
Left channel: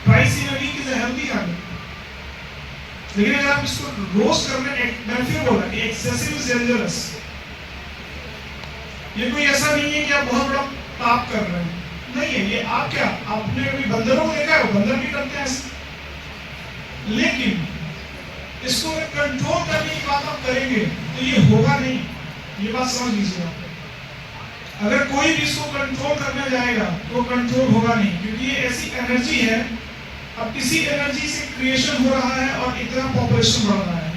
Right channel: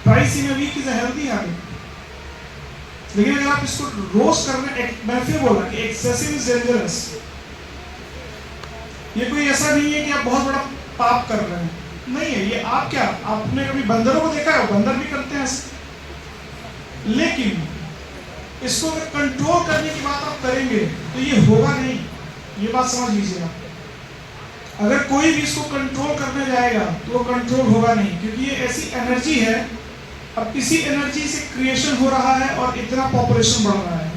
twice in a week is a healthy habit. लेकिन अगर आप इसको रोज करने, मैंने फिर बोला कि एक्सेसिव इज डेंजरस। ये कोई ऐसा नहीं है कि आप बहुत बड़ा पाप कर रहे हैं, नहीं है ये। आप क्या, आपने कभी बंदरों को देखा है? वो बंदर भी करते हैं ऐसे। लेकिन इसको कंट्रोल करने की बात आप करेंगे तो ये होगा नहीं, ये बात समझ लीजिए आप। अगर कोई भी इसको कंट्रोल करने जाएगा तो वो कंट्रोल होगा नहीं, क्योंकि ये ऐसी एनर्जी है। अब इसी एनर्जी से क्रिएशन हो रहा है और इतना पॉपुलेशन बढ़ रहा है।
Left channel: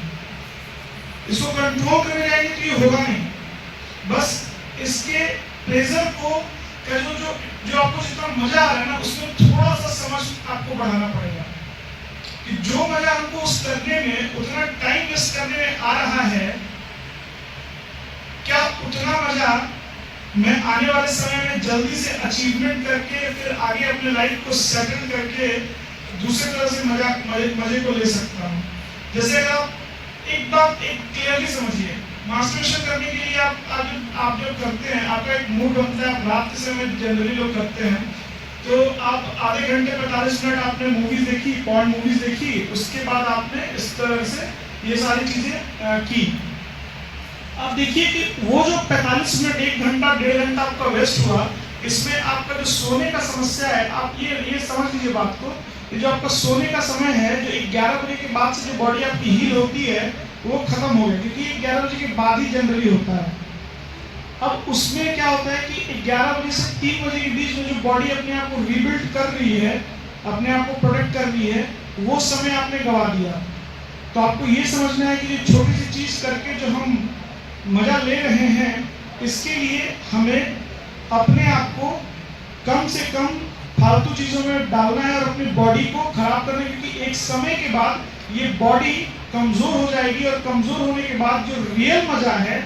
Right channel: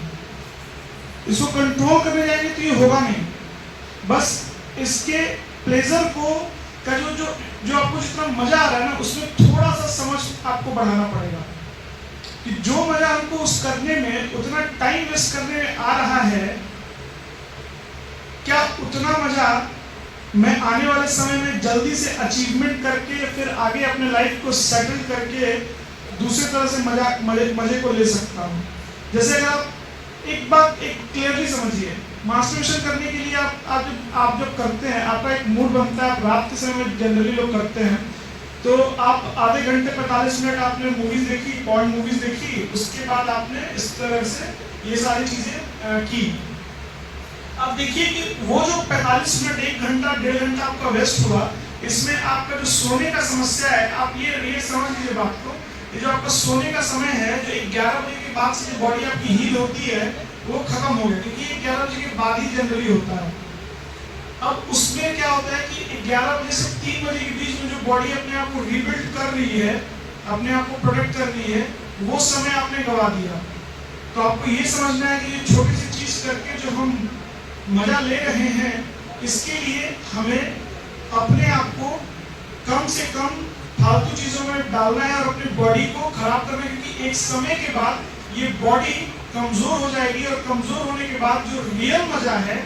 इसको कंट्रोल करने जाएंगे तो ये होगा नहीं। बस इसके प्लेजर को का जो आपको जितना मजा आ रहा है ना, उसमें थोड़ा सा समझ आपको बढ़ाना पड़ेगा कि जो मजा हमको उस करने में, उतना टाइम वेस्ट करने में आ रहा है, क्या उतना मजा मैं आने वाले समय में जल्दी से अचीवमेंट करके फिर आगे अपने लाइफ को सेटल करके दूसरे तरह से मजे को ले सकता हूँ। जैसे अगर आप एक बात एक क्लियरली समझिए, मास्टरबेशन करने के लिए आप जब करते हैं, आपका एक मूड बनता है। आप रात के समय जनरली लोग करते हैं, तो आप आधे घंटे 45 मिनट आपने मूवीज देखी, पॉर्न मूवीज देखी, उसके बाद आपने इस तरह से ये सारी चीजें की। अब देखिए कि वो जो 45 मिनट, 1 घंटा 1.5 घंटा आपका वेस्ट हुआ, इसमें आपका जो सोने का समस्या है, आप ये समझ लीजिए बात को, ये जो आपका सोने का समय है, जो 11 बजे के बाद से जो बॉडी आपकी हील होती है, वो खत्म हो गया, क्योंकि 11 बजे के बाद ही जनरली होता है। अब उसमें क्या होता है कि 11 बजे से 3 बजे के बीच में जो बॉडी अपने आप को रीबिल्ड कर रही है, अपने आप को प्रोटेक्ट कर रही है, वो समय आपने गवा दिया। तो आपको ये समझना है कि छोटी सी चीज करके जो हम मजा ले रहे हैं, इसके लिए हमें अपने आप को कम से कम फालतू चीजों में डालना है और अपनी बॉडी को खराब करना है, क्योंकि एक समय के बाद ये बॉडी कमजोर हो जाएगी, और कमजोर होने के बाद जो रियल मजा है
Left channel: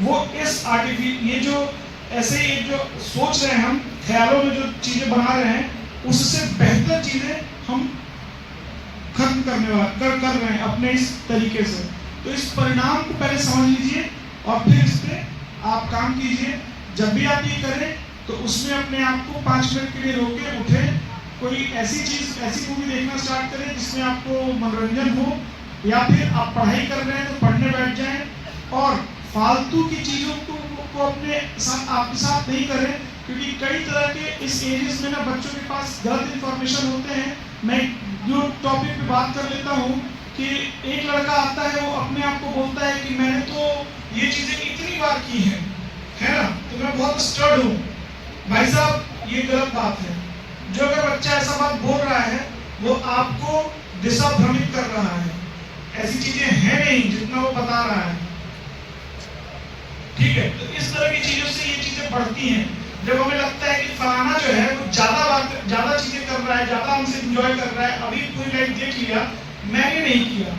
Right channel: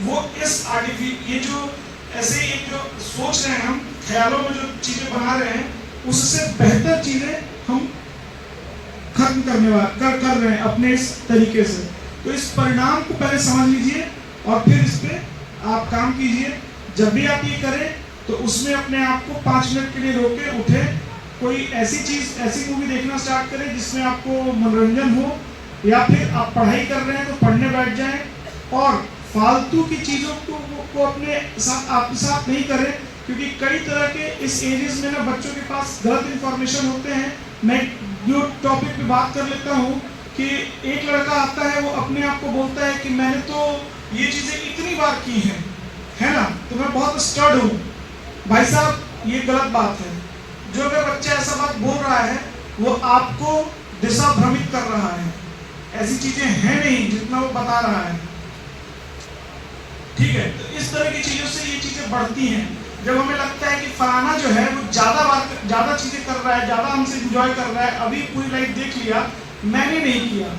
वो इस ये जो ऐसे ये जो सोच रहे हैं हम, ख्यालों में जो चीजें बना रहे हैं, उससे बेहतर चीजें हम खत्म कर रहे हैं अपने इस तरीके से। तो इस परिणाम को पहले समझ लीजिए और फिर इस पे आप काम कीजिए। जब भी आप ये करें तो उसमें अपने आप को 5 मिनट के लिए रोके, उठे, कोई ऐसी मूवी देखना स्टार्ट करें जिसमें आपको मनोरंजन हो, या फिर आप पढ़ाई कर रहे हैं तो पढ़ने बैठ जाएं, और फालतू की चीजों को अपने साथ आपके साथ नहीं करें, क्योंकि कई तरह के इस एजेस में ना बच्चों के पास गलत इंफॉर्मेशन होते हैं। मैं जो टॉपिक पे बात कर लेता हूँ कि एक लड़का आता है, वो अपने आप को बोलता है कि मैंने तो ये चीजें इतनी बार की है ना, तो मैं बहुत स्टर्ड हूँ। भाई साहब, ये गलत बात है। जो अगर बच्चा ऐसा बात बोल रहा है, वो आपको दिशा भ्रमित कर रहा है। ऐसी चीजें हैं नहीं जितना वो बता रहा है, ठीक है। तो इस तरह की चीजों से ये चीजें बढ़ती हैं। जब हमें लगता है कि फलाना जो है वो ज्यादा चीजें कर रहा है, ज्यादा हमसे एंजॉय कर रहा है, अभी पूरी लाइफ देख लिया, मैंने नहीं किया,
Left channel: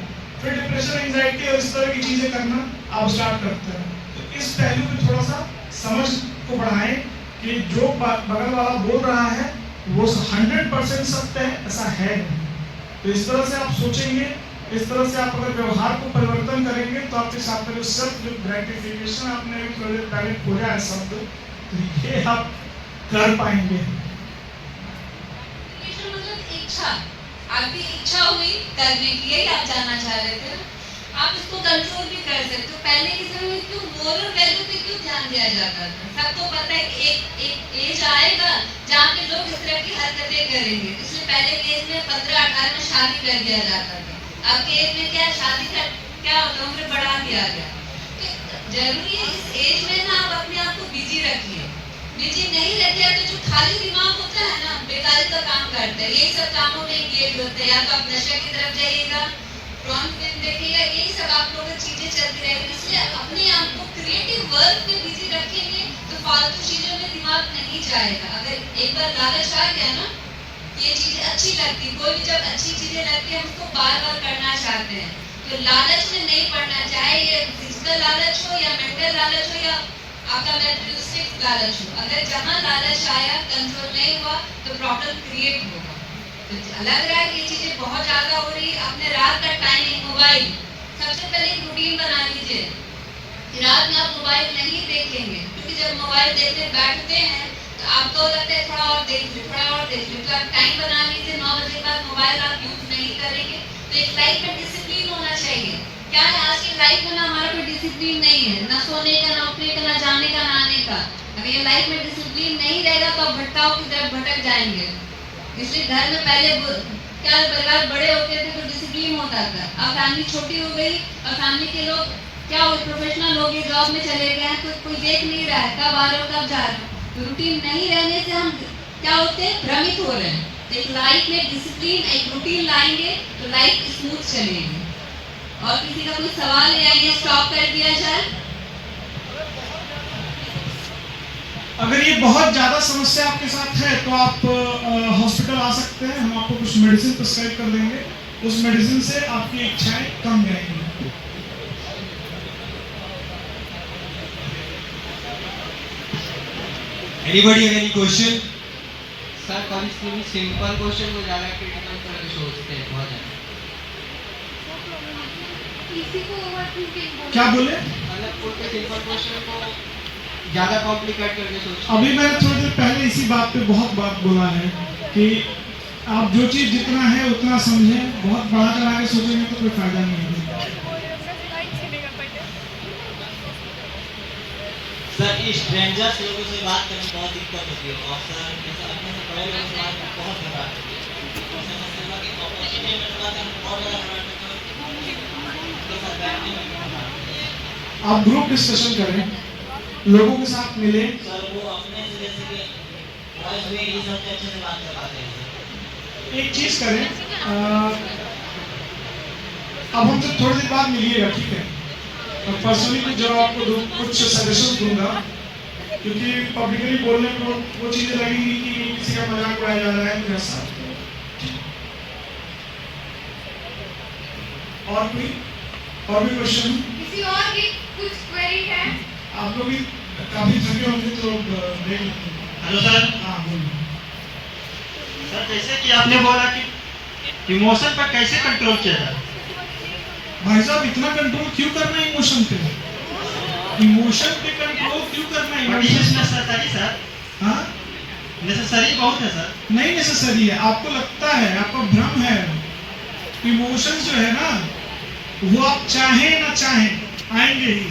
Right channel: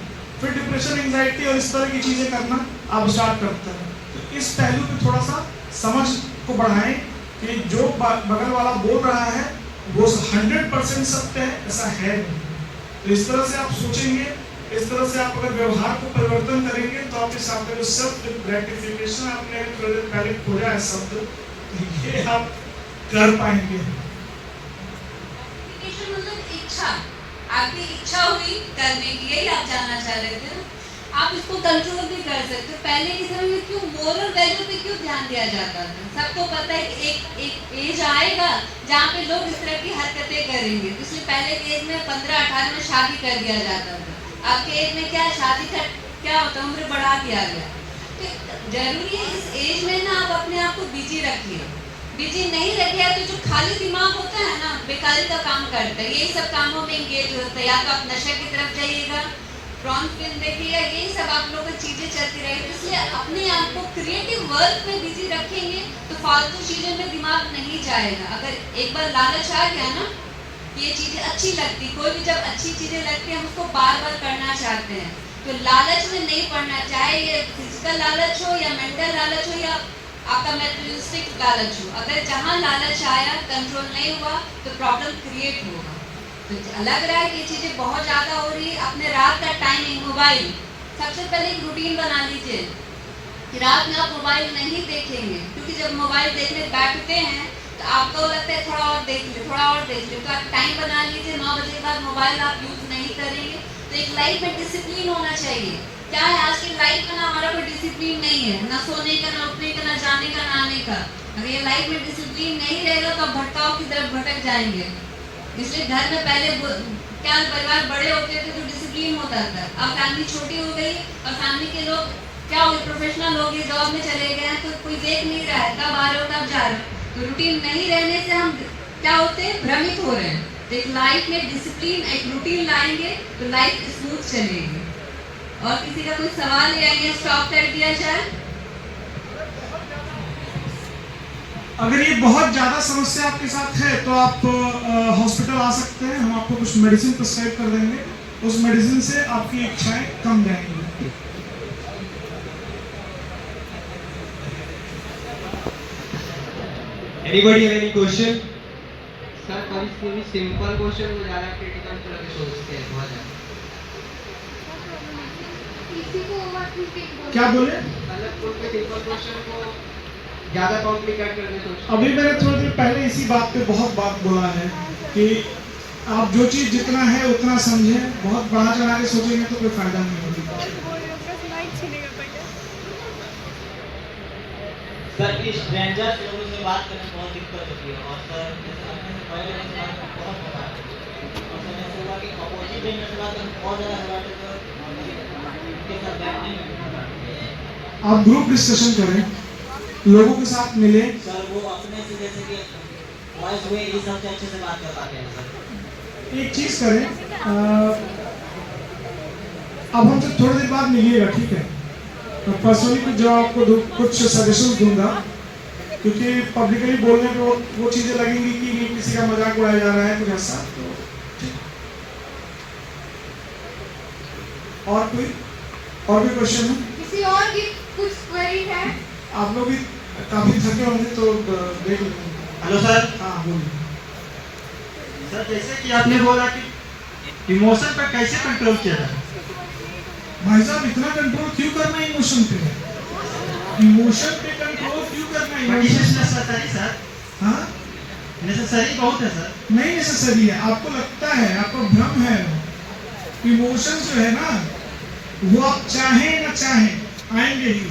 फिर डिप्रेशन, एंजाइटी और इस तरह की चीजें करना आप स्टार्ट करते हैं। तो इस पहलू पे थोड़ा सा समझ को बढ़ाएं कि जो बगल वाला बोल रहा है वो 100% सत्य है, ऐसा है नहीं। तो इस तरह से आप सोचेंगे, इस तरह से आप अगर व्यवहार को परिवर्तन करेंगे तो आपके साथ में जो सेल्फ ग्रेटिफिकेशन आपने अगर पहले खोजा है शब्द, ये आप कर पाएंगे। मतलब इच्छा, आपकी इच्छा हुई करने की, यही आप जानना चाह रहे थे ना। आप इसको कंट्रोल भी कर सकते हो। पहले के समय में क्यों मोरल वैल्यू पे क्यों ध्यान दिया जाता था? सबको पता है कि एक एज आएगा जहाँ पे लोग इस तरह की हरकतें करेंगे, इसलिए पहले के एज में 15-18 में शादी कर दिया जाता था। अब के एज में क्या शादी का क्या होता है, उम्र बढ़ा दिया गया। तो जरूरी है इस एज में ना आप अपने आप को बिजी रखिए। बिजी नहीं रखिए तो जो खाली दिमाग होता है ना, बेकारी का काम करता है, यही सब कामों में एंगेज होता है। या तो आप नशे की तरफ जाइएगा, प्रॉन फिल्म देखिएगा, यही सब आप लोगों की चीजें चलती रहेगी। इसलिए अपने आप को क्रिएटिव वर्क में बिजी रखेंगे तो फालतू चीजों में दिमाग नहीं जाएगा। अगर एक बार लालच आ गया ना, ये चीजें अच्छी लगती, कोई भी जब अच्छी चीजें लगती है हम उसको बार बार करना चाहते हैं, तो लालच में नहीं पड़ना, चाहे ये फिजिकल लालच हो या मेंटल लालच हो या आपका मेटेरियलिस्टिक लालच हो, अगर जहाँ लालच आया कंट्रोल नहीं हुआ तो प्रॉब्लम क्रिएट होगा। तो लग रहा है कि ये चीजें बहुत ज्यादा हो रही है। अपने रात का टाइमिंग मोबाइल, सबसे पहले एक रूटीन बना लीजिए, रात में आप मोबाइल नहीं देखेंगे, क्योंकि जब मोबाइल देखने बैठते हैं तो आपको लगता है थोड़ा और देख ले, थोड़ा और देख ले, तो आप टाइम बना लीजिए 9 बजे के बाद मोबाइल आप यूज नहीं करेंगे। तो एक लाइफ में डिसिप्लिन होना चाहिए। क्या है आज की लाइफ में ना हमारा कोई डिसिप्लिन नहीं है, ना सोने का, ना उठने का, ना जाने का, ना आने का। अगर ये लाइफ में डिसिप्लिन नहीं रहेगा तो आप भटकाव की तरफ भटक जाएंगे। इसलिए घर में पहले क्या परिवार बड़े होते थे तो डिसिप्लिन होता था। अब फैमिली छोटी हो गई और फैमिली के लोग क्या हो, प्रोफेशनल लोग ये जॉब में चले गए हैं, तो कोई देख नहीं रहा है कब आ रहे हो कब जा रहे हो। तो रूटीन नहीं रहने से हम क्या होते हैं, भ्रमित हो रहे हैं। तो एक लाइफ में डिसिप्लिन, एक रूटीन लाएंगे तो लाइफ स्मूथ चलेगी। और किसी का कोई सवाल है या ये स्टॉप कर दिया जाए? अगर ये बहुत ज्यादा समस्या आपके साथ है तो आप हॉस्पिटल आ सकते हैं, हम आपको कुछ मेडिसिन प्रिस्क्राइब कर देंगे, उस मेडिसिन से आपकी इच्छाएं कम रहेंगी। Anybody have any question? Sir कभी सिंपल क्वेश्चन को ज़्यादा क्रिटिकल करके सोचते हैं बहुत ज़्यादा। क्या बोले? मतलब कोई सिंपल क्वेश्चन को ज़्यादा कॉम्प्लिकेट करके सोचते हैं। अभी मैंने थोड़ी देर पहले इसी बात पे बहुत बात बोला है कि आप जो चीज़ जितना है उतना समझें, बहुत बढ़ा चढ़ा के सोचेंगे तो कोई फायदा नहीं होगा। सर स्ट्रेंजर्स लोगों से बात करने में बहुत दिक्कत होती है और सर अपने से बड़े लोगों से बात करना बहुत घबराहट होती है। और सर ऐसी बात कि अपॉर्चुनिटी मिलने के बाद हम और ज़्यादा घबराहट होते हैं, उनके साथ बैठने में घबराहट होती है। आप ग्रुप डिस्कशन करें, लोगों के साथ मिले। सर वो अपने से जैसे कि वॉइस हुए ये सब तो अच्छे से बात कर पाते हैं सर। एक चीज़ करें, अब हमसे थोड़ी देर बाद मिलिएगा, ठीक है? और पर्सनली जो आपको कुछ सजेशन दूंगा, क्योंकि पब्लिकली बोलने को वो चीज़ें लगेंगी कि किसी का मजाक उड़ाया जा रहा है तो ऐसा। और भी क्वेश्चन है? किसी और की कुछ क्वेरी है? आप लोग भी काफी थके होंगे तो देख लेते हैं। Hello sir. हाँ बोलिए सर। जैसे कि आपने बोला कि इमोशन पर कैसे कंट्रोल किया जाए। भाई साहब, इतना कंट्रोल क्यों करना है इमोशन पे? इमोशन पे कंट्रोल क्यों करना है? Necessary sir. हाँ, नेसेसरी बहुत है सर। नहीं नेसेसरी है, आपको लगता है, आपको भ्रम है। इमोशन जो है ना, वो आप चाहें ना चाहें आएंगे ही।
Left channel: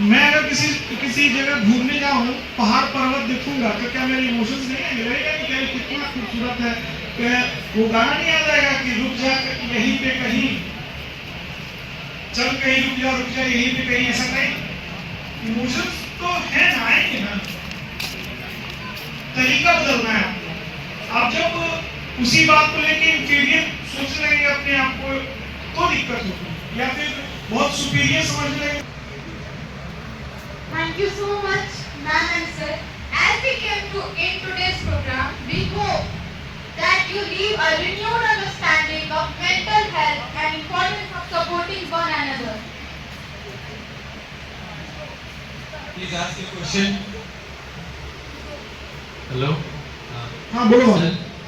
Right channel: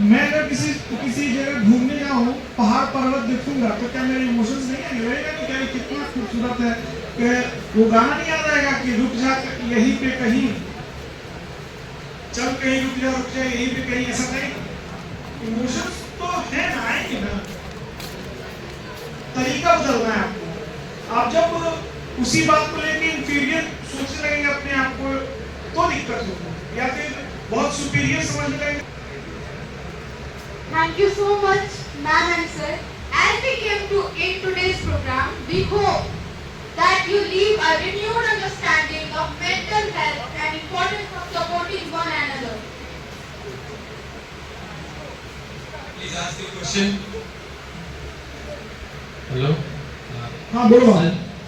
मैं अगर किसी जगह घूमने जाऊँ, पहाड़ पर्वत देखूंगा तो क्या मेरे इमोशंस नहीं आएंगे? लगेगा कि क्या कितना खूबसूरत है। वो गाना नहीं आ जाएगा कि रुक जा यहीं पे कहीं, चल कहीं रुक जा यहीं पे कहीं, ऐसा नहीं। इमोशंस तो है ना, आएंगे ना, तरीका बदलना है आपको। आप जब उसी बात को लेके इंफीरियर सोचने लगेंगे अपने आप को तो दिक्कत होगी, या फिर बहुत सुपीरियर समझ लेंगे। Thank you so much, ma'am and sir. As we came to in today's program, we hope that you leave a renewed understanding of mental health and importance of supporting one another. Please ask your question. Hello. हाँ बोलो।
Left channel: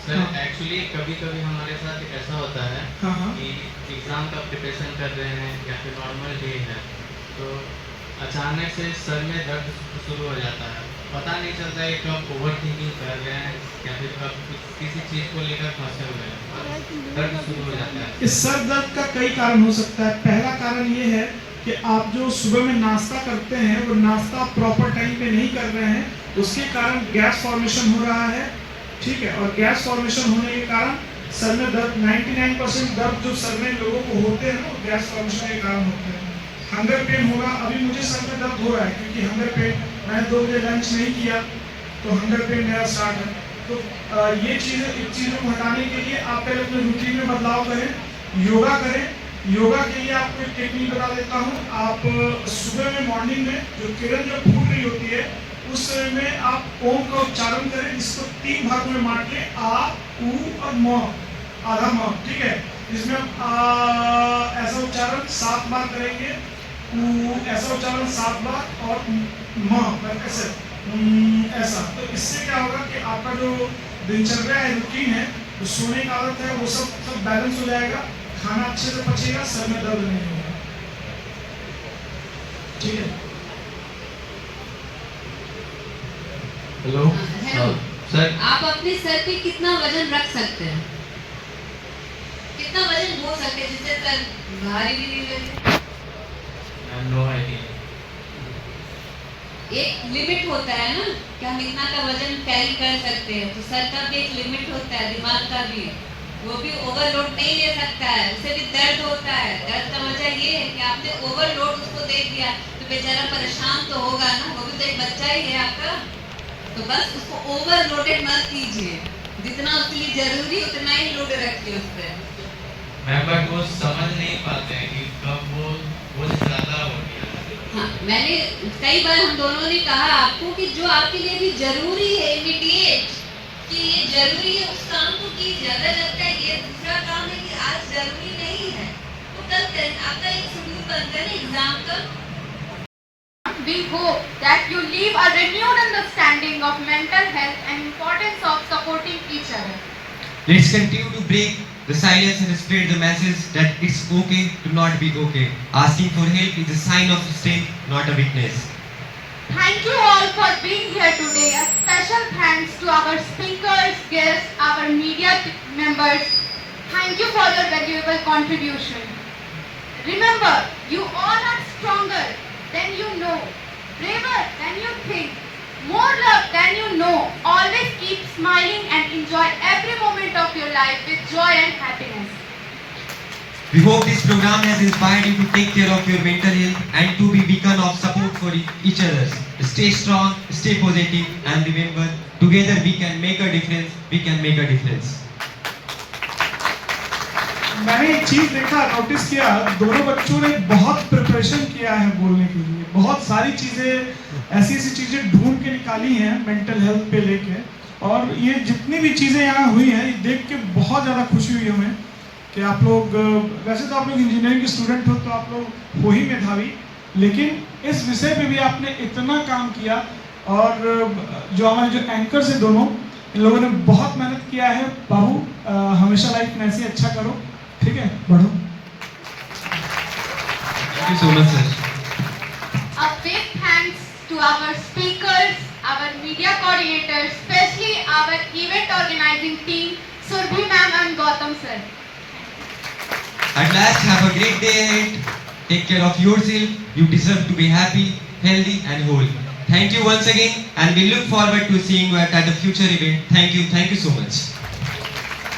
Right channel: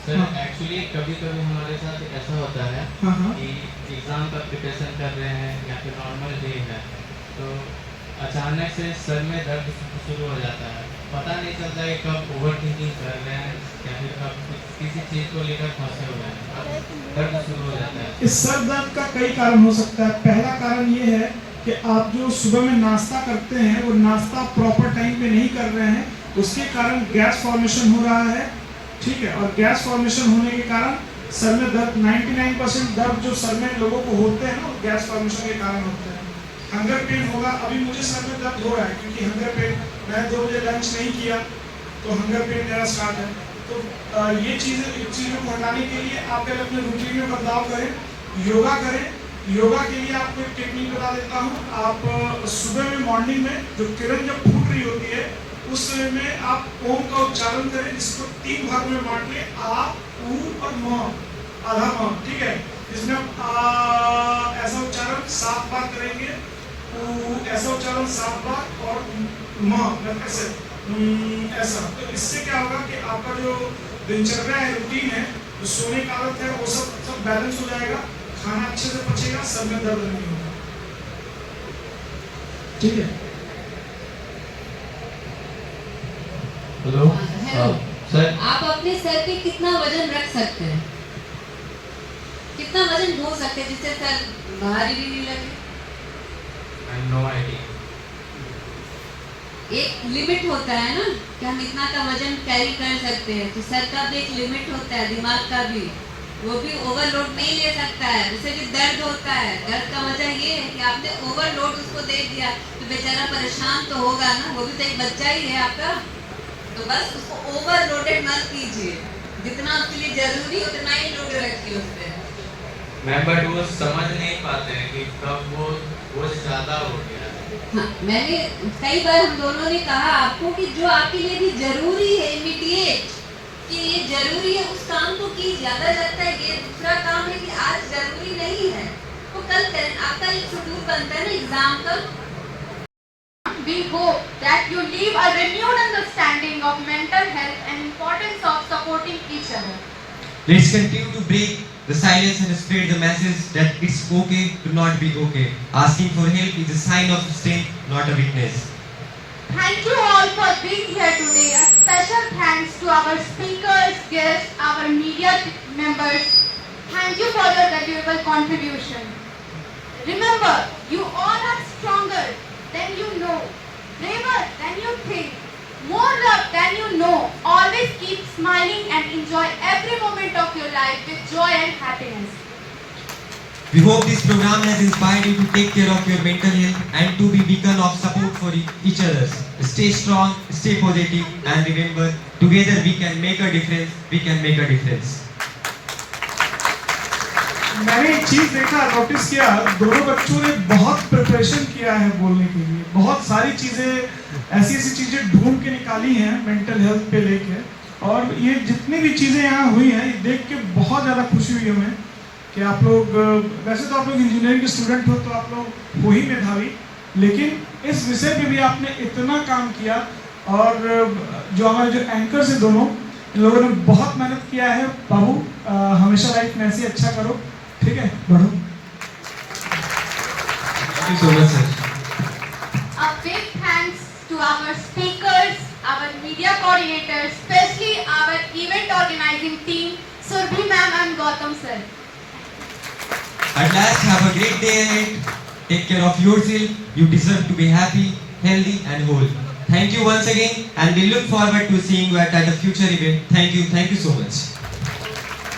Sir actually कभी कभी हमारे साथ ऐसा होता है कि एग्ज़ाम का प्रिपरेशन कर रहे हैं या फिर नॉर्मल डे है, तो अचानक से सर में दर्द शुरू हो जाता है। पता नहीं चलता है कब ओवर थिंकिंग कर रहे हैं या फिर कब किसी चीज़ को लेकर फंसे हुए हैं, दर्द शुरू हो जाता है। इस सर दर्द का कई कारण हो सकता है। पहला कारण ये है कि आप जो सुबह में नाश्ता करते हैं वो नाश्ता प्रॉपर टाइम पे नहीं कर रहे हैं, उसके कारण गैस फॉर्मेशन हो रहा है, ठीक है? और गैस फॉर्मेशन होने के कारण सर में दर्द, 99% दर्द जो सर में लोगों को होते हैं ना, वो गैस फॉर्मेशन के कारण होते हैं। हंगर पेन होगा, अभी मुझे सर में दर्द हो रहा है क्योंकि हंगर पेन, मैंने 2 बजे लंच नहीं किया तो हंगर पेन मेरा स्टार्ट है। तो ये चीज़ों को हटाने के लिए आप पहले अपने रूटीन में बदलाव करें, योगा करें। योगा के लिए आपको एक टेक्निक बता देता हूँ। आप सुबह में मॉर्निंग में जो किरण जब फूट रही होती है उस समय में आप ओम का उच्चारण करें, जिसको 3 भागों में बांटिए, आ, ऊ और म, आधा म, ठीक है? इसमें आप ऐसा उच्चारण 7 बार करेंगे ऐसा उच्चारण 7 बार और म ऐसे ऐसा। तो इससे क्या होगा कि आपका जो दिनचर्या है, रूटीन है, जो सोने की आदत है, वो सब बैलेंस हो जाएगा, खाना अच्छे से पचेगा, सर में दर्द नहीं होगा। ठीक है। हेलो सर, आप अपने सर पे कितना वजन रख सकते हैं? कितना वजन ढो सकते हैं जिससे सर भारी भी नहीं लगे? No idea. एक लिमिट होता है ना कि हम इतना का वजन कैरी कर सकते हैं, तो सर का भी एक लिमिट होता है, दिमाग का भी, वो भी ओवरलोड नहीं ले सकता है, उसे भी दर्द होता है। दर्द का वजह ये है कि आपने ओवरलोड उसको दे दिया, तो बेचारा परेशान तो होगा ना, वो भी तो एक बच्चा ही है आपका। तो बस उसको ओवरलोडेड मत कीजिए, जितना उसके लिए जरूरी उतना ही लोड रखिए उस पर। मैम बट वो समझ नहीं पाते हैं कि कब वो ज्यादा हो गया। हाँ, मैंने कई बार हम दोनों ने कहा आपको कि जो आपके लिए भी जरूरी है, इमीडिएट, कि ये जरूरी है, उस काम को की। ज्यादा लगता है ये दूसरा काम है कि आज जरूरी नहीं है, तो कल करें। आपका एक शेड्यूल बनता है ना एग्जाम का। We hope that you leave a renewed understanding of mental health and importance of supporting each other. Let's continue to break the silence and spread the message that it's okay to not be okay. Asking for help is a sign of strength, not a weakness. Thank you all for being here today. A special thanks to our speakers, guests, our media members. Thank you for your valuable contribution. Remember, you all are stronger than you know, braver than you think, more love than you know. Always keep smiling and enjoy every moment of your life with joy and happiness. We hope this program has inspired you to take care of your mental health and to be beacon of support for each other. Stay strong, stay positive, and remember, together we can make a difference. We can make a difference. मैंने एक चीज देखा, notice किया, दोनों बच्चों ने बहुत preparation किया है बोलने के लिए। बहुत सारी चीजें, ऐसी चीजें ढूंढ के निकाली हैं मेंटल हेल्थ पे लेके। और ये जितनी भी चीजें यहाँ हुई हैं, ये देख के बहुत ज्यादा खुशी हुई हमें कि आप लोग, वैसे तो आप लोग इंजीनियरिंग के स्टूडेंट हो, तो आप लोग हो ही मेधावी, लेकिन इस विषय पे भी आपने इतना काम किया। और जो हमारे जो एंकर्स हैं दोनों, इन लोगों ने बहुत मेहनत किया है। बाबू, हमेशा लाइफ में ऐसे अच्छा करो, ठीक है, बढ़ो। Thank you so much, sir. A big thanks to our speakers, our media coordinators, especially our event organizing team, Surbhi ma'am and Gautam sir. At last, have a great day ahead. Take care of yourself. You deserve to be happy, healthy, and whole. Thank you once again, and we look forward to seeing you at a future event. Thank you so much.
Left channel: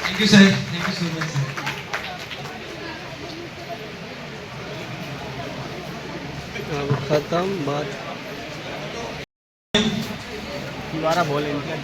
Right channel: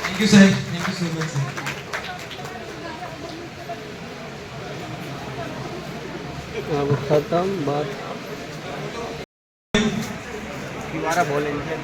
Thank you, sir. Thank you so much, sir. अब खत्म बात। दोबारा बोलेंगे।